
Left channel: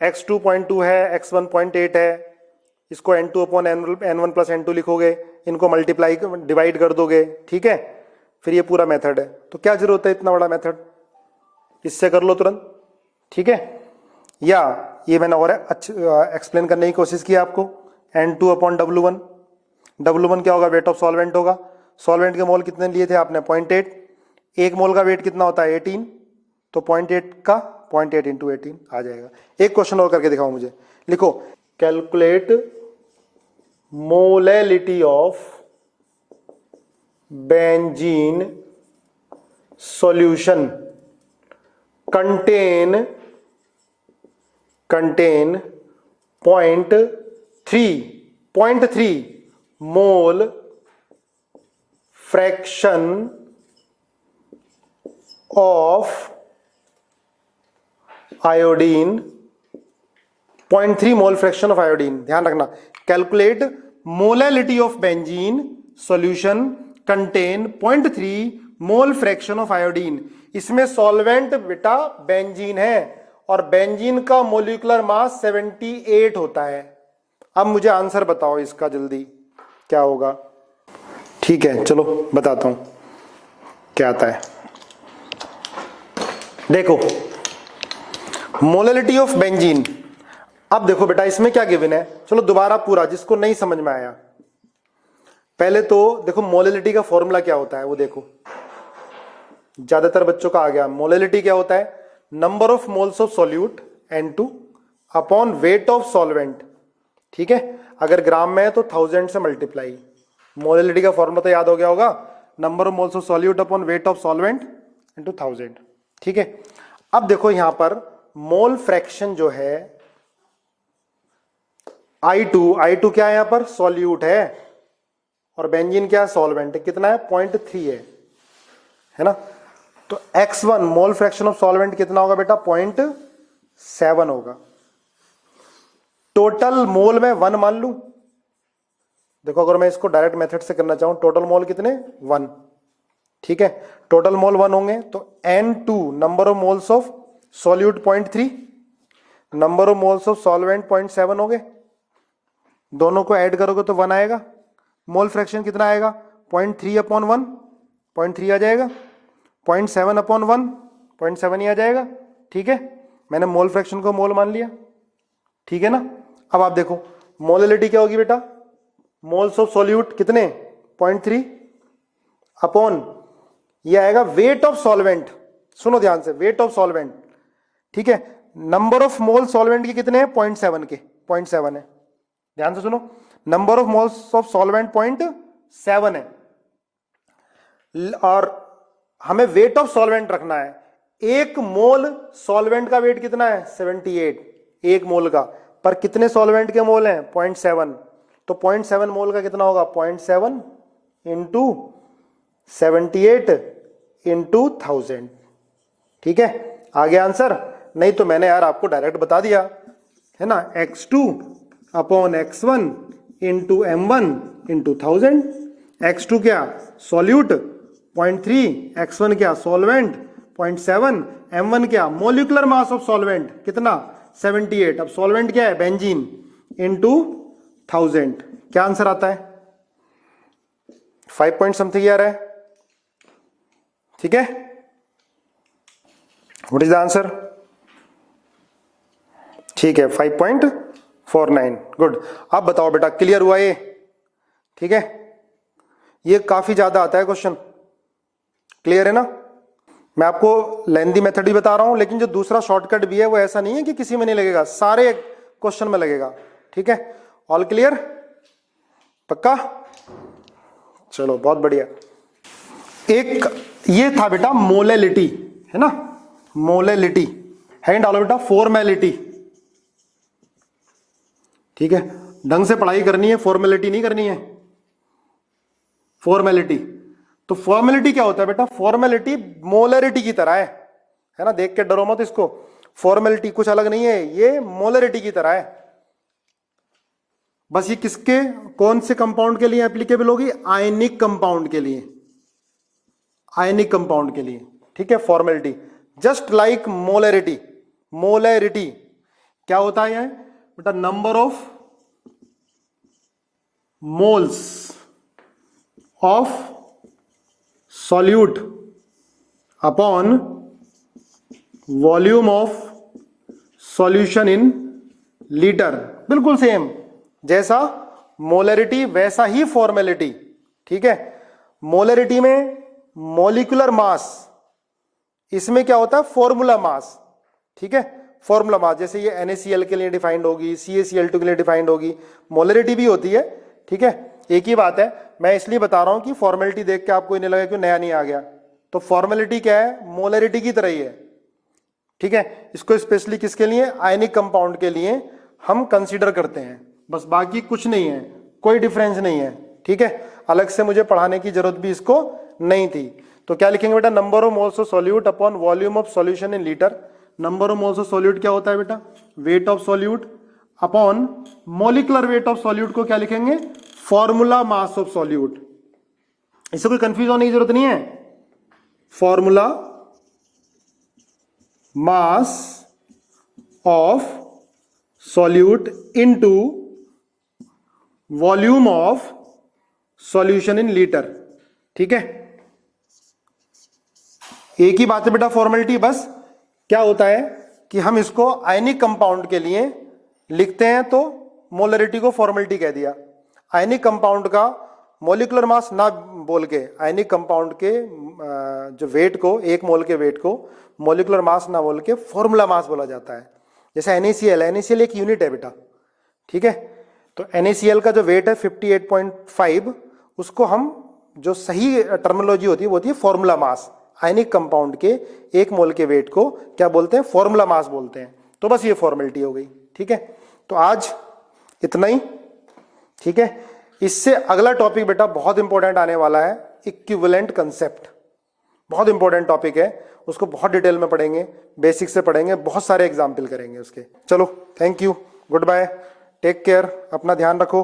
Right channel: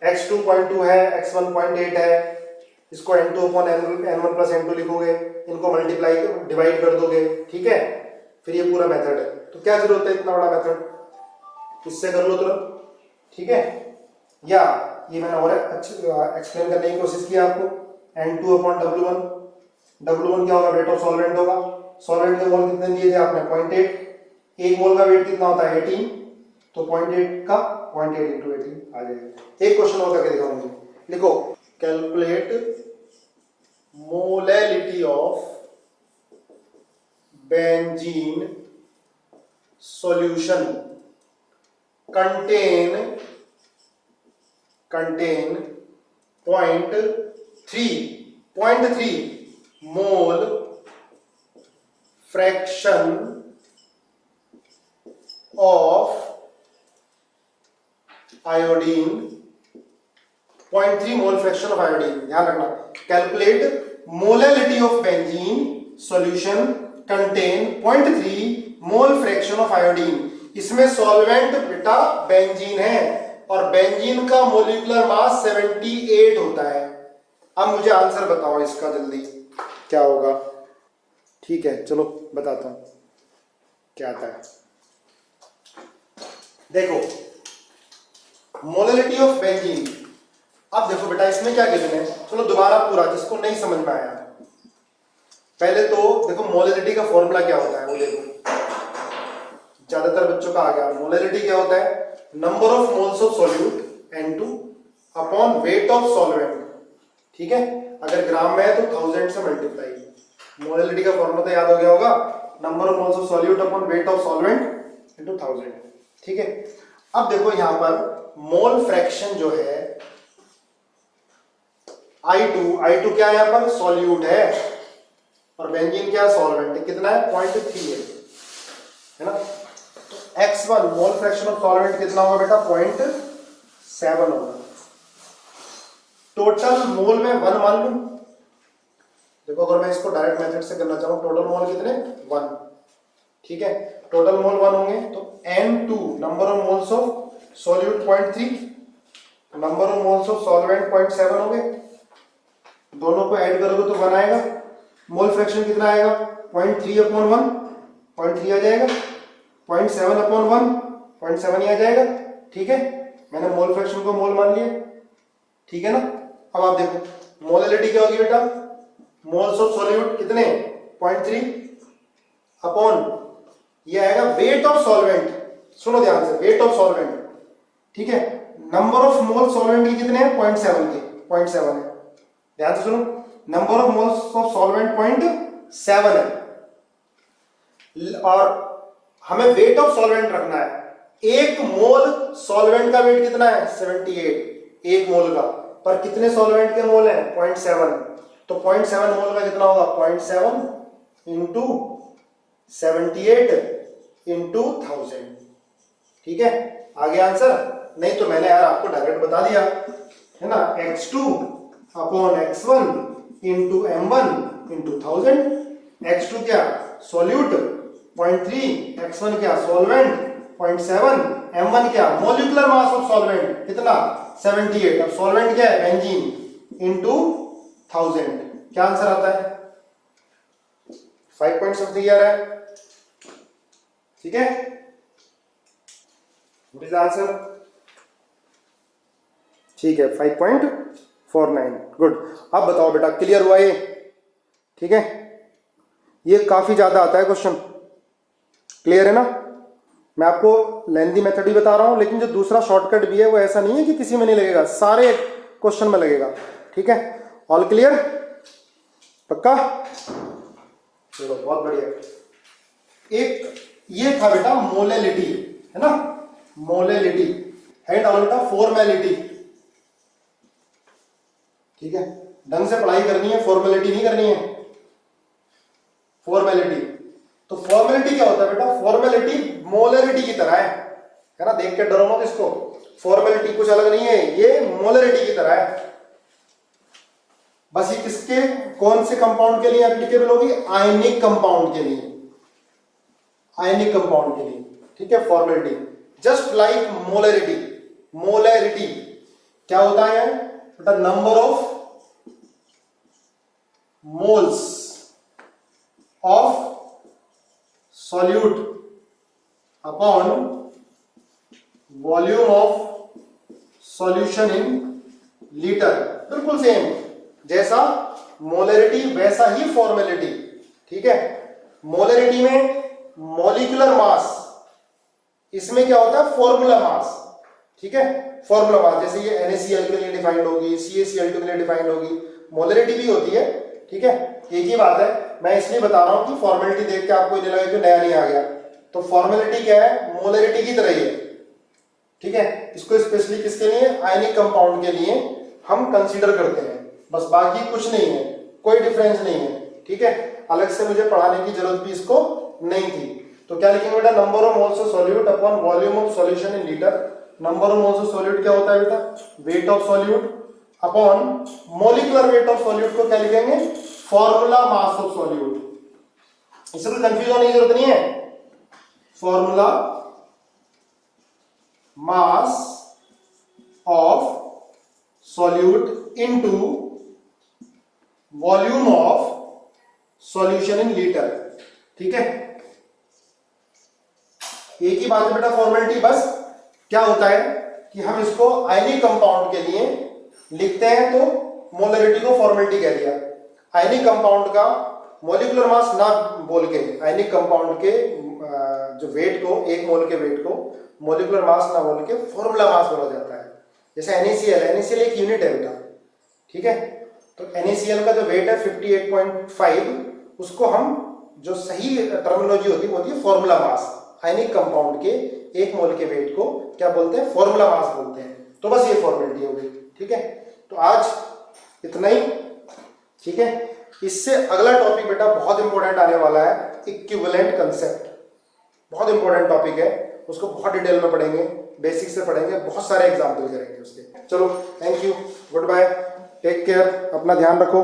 x2 0.2 है, x1 0.8 है, इसको n2 upon n1 plus n2 लिखोगे, इनको मल्टीप्लाई डिवाइड कर दोगे। ठीक है, फिर ये पूरा मेथड है, तो क्या जरूरत है इतना बड़ा मेथड, इससे कर लो तुरंत। ठीक है, या ये मैंने और अच्छे एक्सप्लेन करने की कोशिश की आपको, N2 अपॉन W1। W1 क्या होगा, वेट ऑफ सॉल्वेंट होगा। सॉल्वेंट के मोल कितने लिए थे आपने, 0.8। एक मोल का वेट कितना होता है, 18, तो 0.8 का 0.8 इंटू 18 आ जाएगा। एक क्वेश्चन और करके दिखाओ मुझे, लिखो calculate molality of benzene solution contain 0.3 mole fraction of iodine, 0.3 mole fraction of iodine. ध्यान रखना, calculate molality of benzene solution contain 0.3 mole fraction of iodine. इसमें सॉल्वेंट बेटा बेंजीन है और बेंजीन का मोलिकुलर मास 78 होता है। अब मुझे आंसर बताओ इसका जल्दी, क्या होगा। ठीक है चलो बताता हूं क्या आता है। देखो मोलैलिटी ऑफ बेंजीन, अब देखो बेटा इसमें क्या गिवन है, चलो दोबारा पूरा, जिसको नहीं समझ में आया पहले तो देखो मोलैलिटी का फॉर्मूला क्या होता है वो देखो, ज्यादातर बच्चों का आ गया। मोलैलिटी क्या होता है, number of moles of solute N2 upon weight of solvent. ठीक है, अगर ग्राम में है तो 1000 से मल्टीप्लाई। मोलैलिटी का फॉर्मूला तो याद हो गया होगा, number of moles of solute upon weight of solvent into 1000। ठीक है, अब देखो यहां पर मोल फ्रैक्शन जो है I2 क्या है, यहां पर सॉल्यूट है और बेंजीन क्या है, सॉल्वेंट। कितना है, 0.3 है ना। तो x1 mole fraction of solvent कितना होगा बेटा, 0.7 होगा। टोटल मोल में 1 मान लू। देखो अगर मैं इसको डायरेक्ट मेथड से करना चाहूं, टोटल मोल कितने, 1। ठीक है, टोटल मोल 1 होंगे तो N2 number of moles of solute 0.3, number of moles of solvent 0.7 हो गए। दोनों को ऐड करोगे तो 1 आएगा। मोल फ्रैक्शन कितना आएगा, 0.3 अपॉन 1, 0.3 आ जाएगा। 0.7 अपॉन 1, 0.7 ही आ जाएगा। ठीक है, मैंने मोल फ्रैक्शन को मोल मान लिया। ठीक है ना। अब आप देखो मोलैलिटी क्या होगी बेटा, मोल्स ऑफ सॉल्यूट कितने, 0.3 अपॉन ये आएगा वेट ऑफ सॉल्वेंट। सुनो ध्यान से, वेट ऑफ सॉल्वेंट। ठीक है, नंबर ऑफ मोल सॉल्वेंट की कितने हैं, 0.7 के, 0.7 है। ध्यान से सुनो, number of moles of solvent 0.7 है और हमें वेट ऑफ सॉल्वेंट रखना है। एक मोल सॉल्वेंट का वेट कितना है, 78 एक मोल का, पर कितने सॉल्वेंट के मोल हैं, 0.7। तो 0.7 मोल का कितना होगा, 0.7 इंटू 78 इंटू 1000। ठीक है, आ गया आंसर। नहीं तो मैंने यार आपको डायरेक्ट बता दिया है ना, x2 upon x1 into m1 into 1000। x2 क्या, सॉल्यूट 0.3, x1 क्या, सॉल्वेंट 0.7, m1 क्या, मोलिकुलर मास ऑफ सॉल्वेंट कितना, 78। अब सॉल्वेंट क्या है, बेंजीन, इंटू 1000। क्या आंसर आता है, 5 पॉइंट समथिंग आ रहा है। ठीक है, व्हाट इज द आंसर। ठीक है, 5.49। गुड। अब बताओ बेटा, क्लियर हुआ ये। ठीक है, ये काफी ज्यादा आता है क्वेश्चन, क्लियर है ना। मैं आपको लेंथी मेथड ही बता रहा हूं, लेकिन जो दूसरा शॉर्टकट भी है वो ऐसा नहीं है कि किसी में नहीं लगेगा, सारे क्वेश्चन में लगेगा। ठीक है, ऑल क्लियर, पक्का। चलो बहुत बढ़िया। एक ये था बेटा मोलैलिटी, है ना, मोलैलिटी। हैंड डालो बेटा फॉर्मेलिटी। ठीक है, ढंग से पढ़ाई करनी है, फॉर्मेलिटी नहीं करनी है। फॉर्मेलिटी, तो फॉर्मेलिटी क्या होता है बेटा, फॉर्मेलिटी मोलैरिटी की तरह है ना। देख के डरो मत इसको, फॉर्मेलिटी कुछ अलग नहीं है, ये मोलैरिटी की तरह है। बस ये किसके, कौन से कंपाउंड के लिए एप्लीकेबल होगी, आयनिक कंपाउंड के लिए, आयनिक कंपाउंड के लिए। ठीक है, formality just like molarity. Molarity क्या होता है बेटा, number of moles of solute upon volume of solution in litre. बिल्कुल सेम, जैसा मोलरिटी वैसा ही फॉर्मेलिटी। ठीक है, मोलरिटी में मॉलिक्यूलर मास, इसमें क्या होता है फॉर्मूला मास। ठीक है, फॉर्मूला मास, जैसे ये NaCl के लिए डिफाइंड होगी, CaCl2 के लिए डिफाइंड होगी, मोलरिटी भी होती है। ठीक है, एक ही बात है, मैं इसलिए बता रहा हूं कि फॉर्मेलिटी देख के आपको नहीं लगा कि नया नहीं आ गया। तो फॉर्मेलिटी क्या है, मोलरिटी की तरह ही है। ठीक है, इसको स्पेशली किसके लिए, आयनिक कंपाउंड के लिए हम कंसीडर करते हैं, बस, बाकी कुछ नहीं है, कोई डिफरेंस नहीं है। ठीक है, अलग से मुझे पढ़ाने की जरूरत भी इसको नहीं थी। तो क्या लिखेंगे बेटा, number of moles of solute upon volume of solution in litre. Number of moles of solute क्या होता है बेटा, weight of solute upon molecular weight of solute को क्या लिखेंगे, फॉर्मूला मास ऑफ सॉल्यूट। इससे कोई कंफ्यूज होने की जरूरत नहीं है। Formula mass of solute into volume of solution in litre. ठीक है, एक ही बात है बेटा फॉर्मेलिटी, बस क्या होता है कि हम इसको आयनिक कंपाउंड के लिए लिखते हैं तो मोलरिटी को फॉर्मेलिटी कह दिया। आयनिक कंपाउंड का मॉलिक्यूलर मास ना बोल के, आयनिक कंपाउंड के जो वेट को, एक मोल के वेट को मॉलिक्यूलर मास ना बोल के फॉर्मूला मास बोला जाता है। जैसे NaCl एक यूनिट है बेटा। ठीक है, तो NaCl का जो वेट है 58.5, उसको हम, जो सही टर्मिनोलॉजी होती है वो होती है फॉर्मूला मास। आयनिक कंपाउंड के एक मोल के वेट को क्या बोलते हैं, फॉर्मूला मास बोलते हैं। तो बस ये फॉर्मेलिटी हो गई। ठीक है, तो आज इतना ही। ठीक है, इससे अगला टॉपिक बेटा बहुत इंपॉर्टेंट आने वाला है, इक्विवेलेंट कंसेप्ट। बहुत इंपॉर्टेंट टॉपिक है, उसको बहुत डिटेल में पढ़ेंगे, बेसिक से पढ़ेंगे, बहुत सारे एग्जाम्पल करेंगे उसके। चलो, thank you, goodbye, take care, अपना ध्यान रखो।